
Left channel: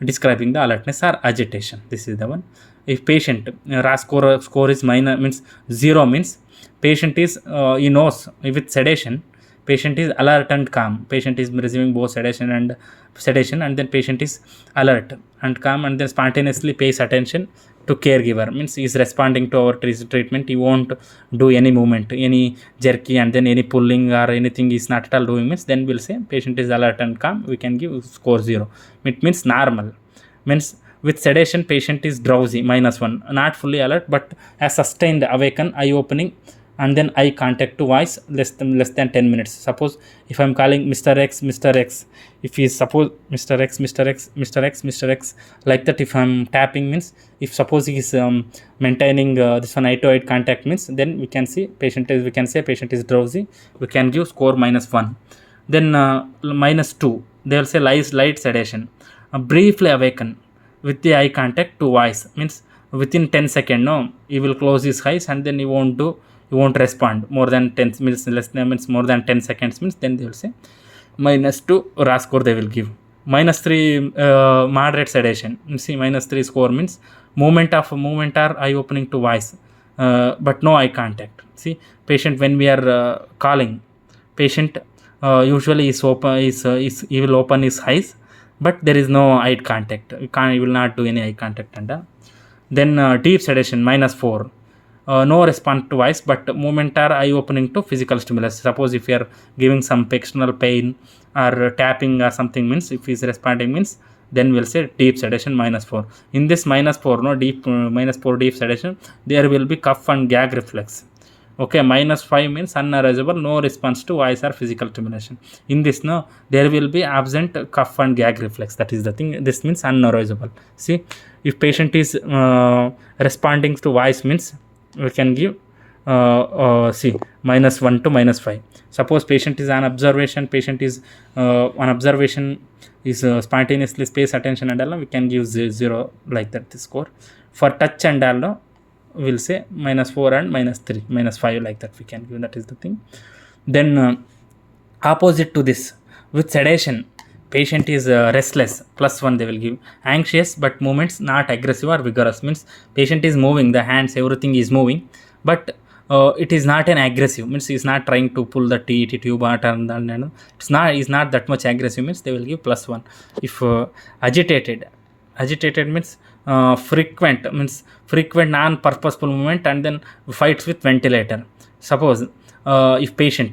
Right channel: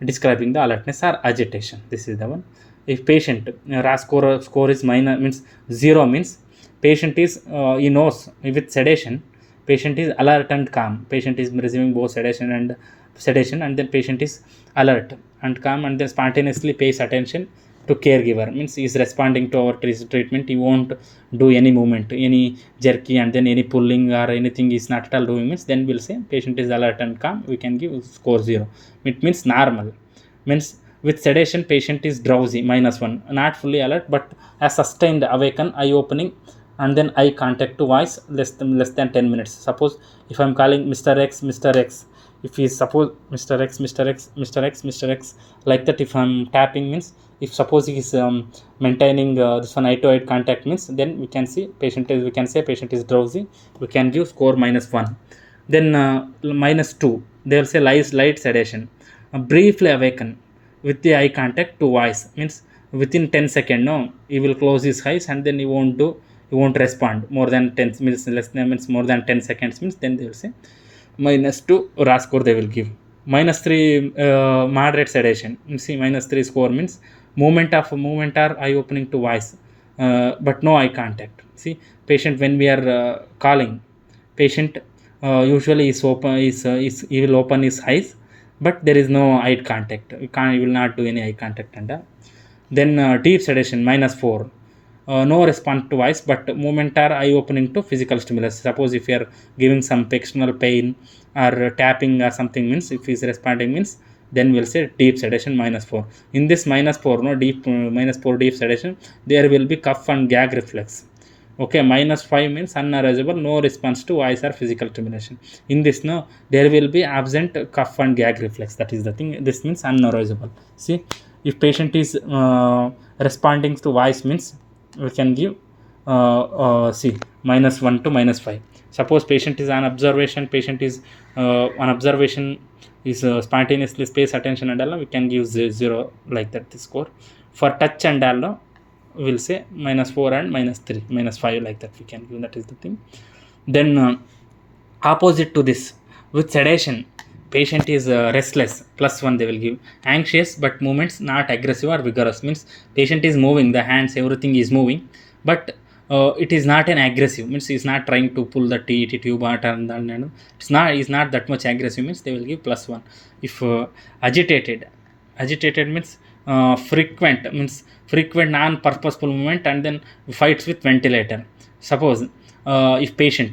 describing the alertness or agitation. This is the one. If patient RASS score is minor, means 0, means patient is he knows with sedation, patient is alert and calm, patient is receiving both sedation and then patient is alert and calm and then spontaneously pays attention to caregiver, means he is responding to our treatment. He won't do any movement, any jerky and then any pulling or anything is not at all doing, means then we'll say patient is alert and calm, we can give score 0. It means normal. Means with sedation patient is drowsy, -1, not fully alert but has sustained awaken, eye opening and then eye contact to voice less than 10 minutes. Suppose if I'm calling Mr. X, if he is suppose Mr. X, like that, if I'm tapping, means if suppose he is maintaining this one eye to eye contact, means then we can say patient is drowsy, we can give score -1. Then -2, they will say light sedation, briefly awaken with the eye contact to voice, means within 10 seconds, no, he will close his eyes and then he won't respond more than 10 minutes, less than means more than 10 seconds, means then they will say -2 RASS score they will give. -3 moderate sedation. You see, -3 score means movement are eye opening to voice, but no eye contact. See, patient, when we are calling, patient usually he will open his eyes, but there is no eye contact. He will not do any eye contact. And then deep sedation, -4. No response to voice, but movement are eye opening to physical stimulus. Suppose if you are giving some pectoral pain or tapping or something, means if he is responding, means then we'll say deep sedation, -4. In this -4, no deep -4 deep sedation, there will be cough and gag reflex. Okay, -5 means unarousable, no response to voice or physical stimulation. In this, no, there will be absent cough and gag reflex. That is the thing. This means unarousable. See, if patient is responding to voice, means we can give see, -1 to -5. Suppose patient is on observation, is spontaneously space attention and all, we can give 0 like that, the score. For touch and all, we'll say -4 and -3, -5 like that we can give. That is the thing. Then opposite to this, with sedation, patient is restless, +1 they will give. Anxious but movements not aggressive or vigorous, means patient is moving, the hands, everything is moving, but it is not an aggressive, means he is not trying to pull the tube out, and is not that much aggressive, means they will give +1. If agitated means frequent non-purposeful movement and then fights with ventilator. Suppose if patient,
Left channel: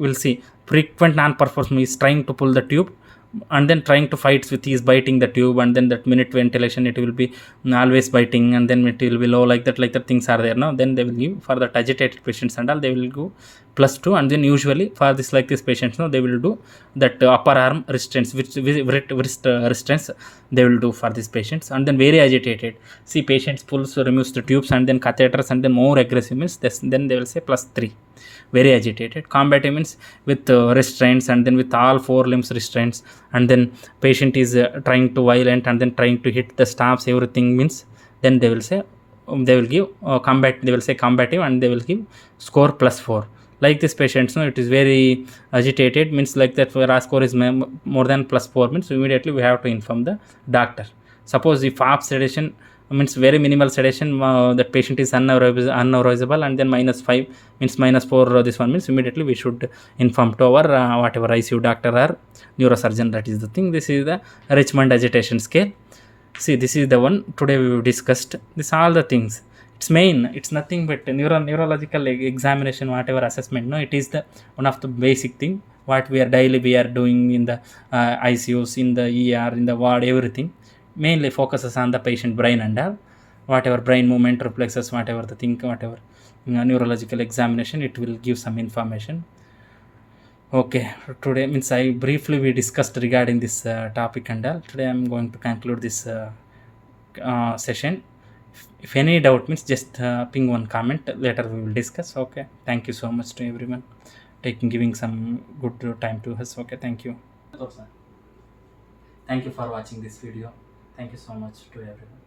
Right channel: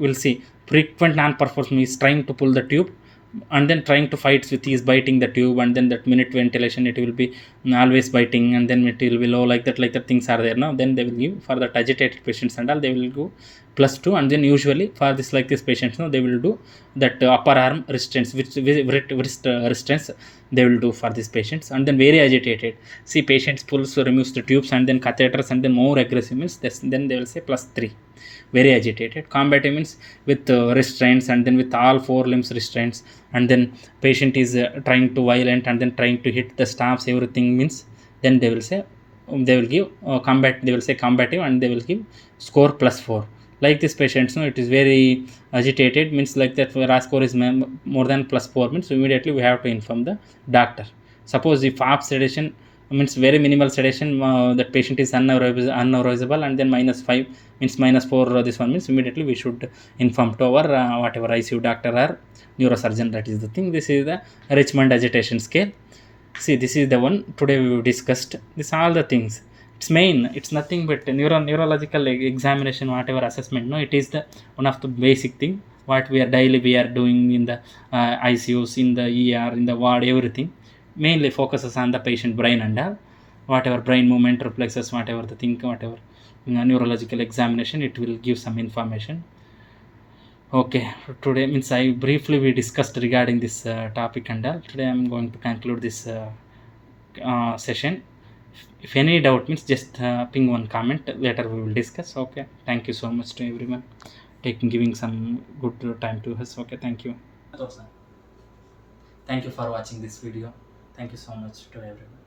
we'll see frequent non-purposeful is trying to pull the tube and then trying to fight with his biting the tube, and then that minute ventilation, it will be always biting, and then it will be low, like that things are there now. Then they will give for that agitated patients and all, they will go +2. And then usually for this patients, no, they will do that upper arm restraints, wrist restraints they will do for these patients. And then very agitated, see, patients pulls, removes the tubes and then catheters, and then more aggressive, means this, then they will say +3. Very agitated. Combative means with restraints, and then with all 4 limbs restraints, and then patient is trying to violent and then trying to hit the staffs, everything, means then they will say they will give they will say combative, and they will give score +4. Like this patients, no, it is very agitated, means like that RASS score is more than +4, means immediately we have to inform the doctor. Suppose if half sedation, means very minimal sedation, that patient is unarousable, and then -5 means -4, this one, means immediately we should inform to our whatever ICU doctor or neurosurgeon. That is the thing. This is the Richmond agitation scale. See, this is the one today we discussed. This all the things. It's main, it's nothing but neurological examination, whatever assessment, no, it is the one of the basic thing what we are doing in the ICUs, in the ER, in the ward, everything mainly focuses on the patient brain and all, whatever brain movement, reflexes, whatever the thing, whatever neurological examination, it will give some information. Okay, today, means I briefly we discussed regarding this topic and all. Today I'm going to conclude this session. If any doubt, means just ping one comment, later we will discuss. Okay, thank you so much to everyone giving some good time to us. Okay, thank you. Thank you for watching this video. Thank you so much to everyone.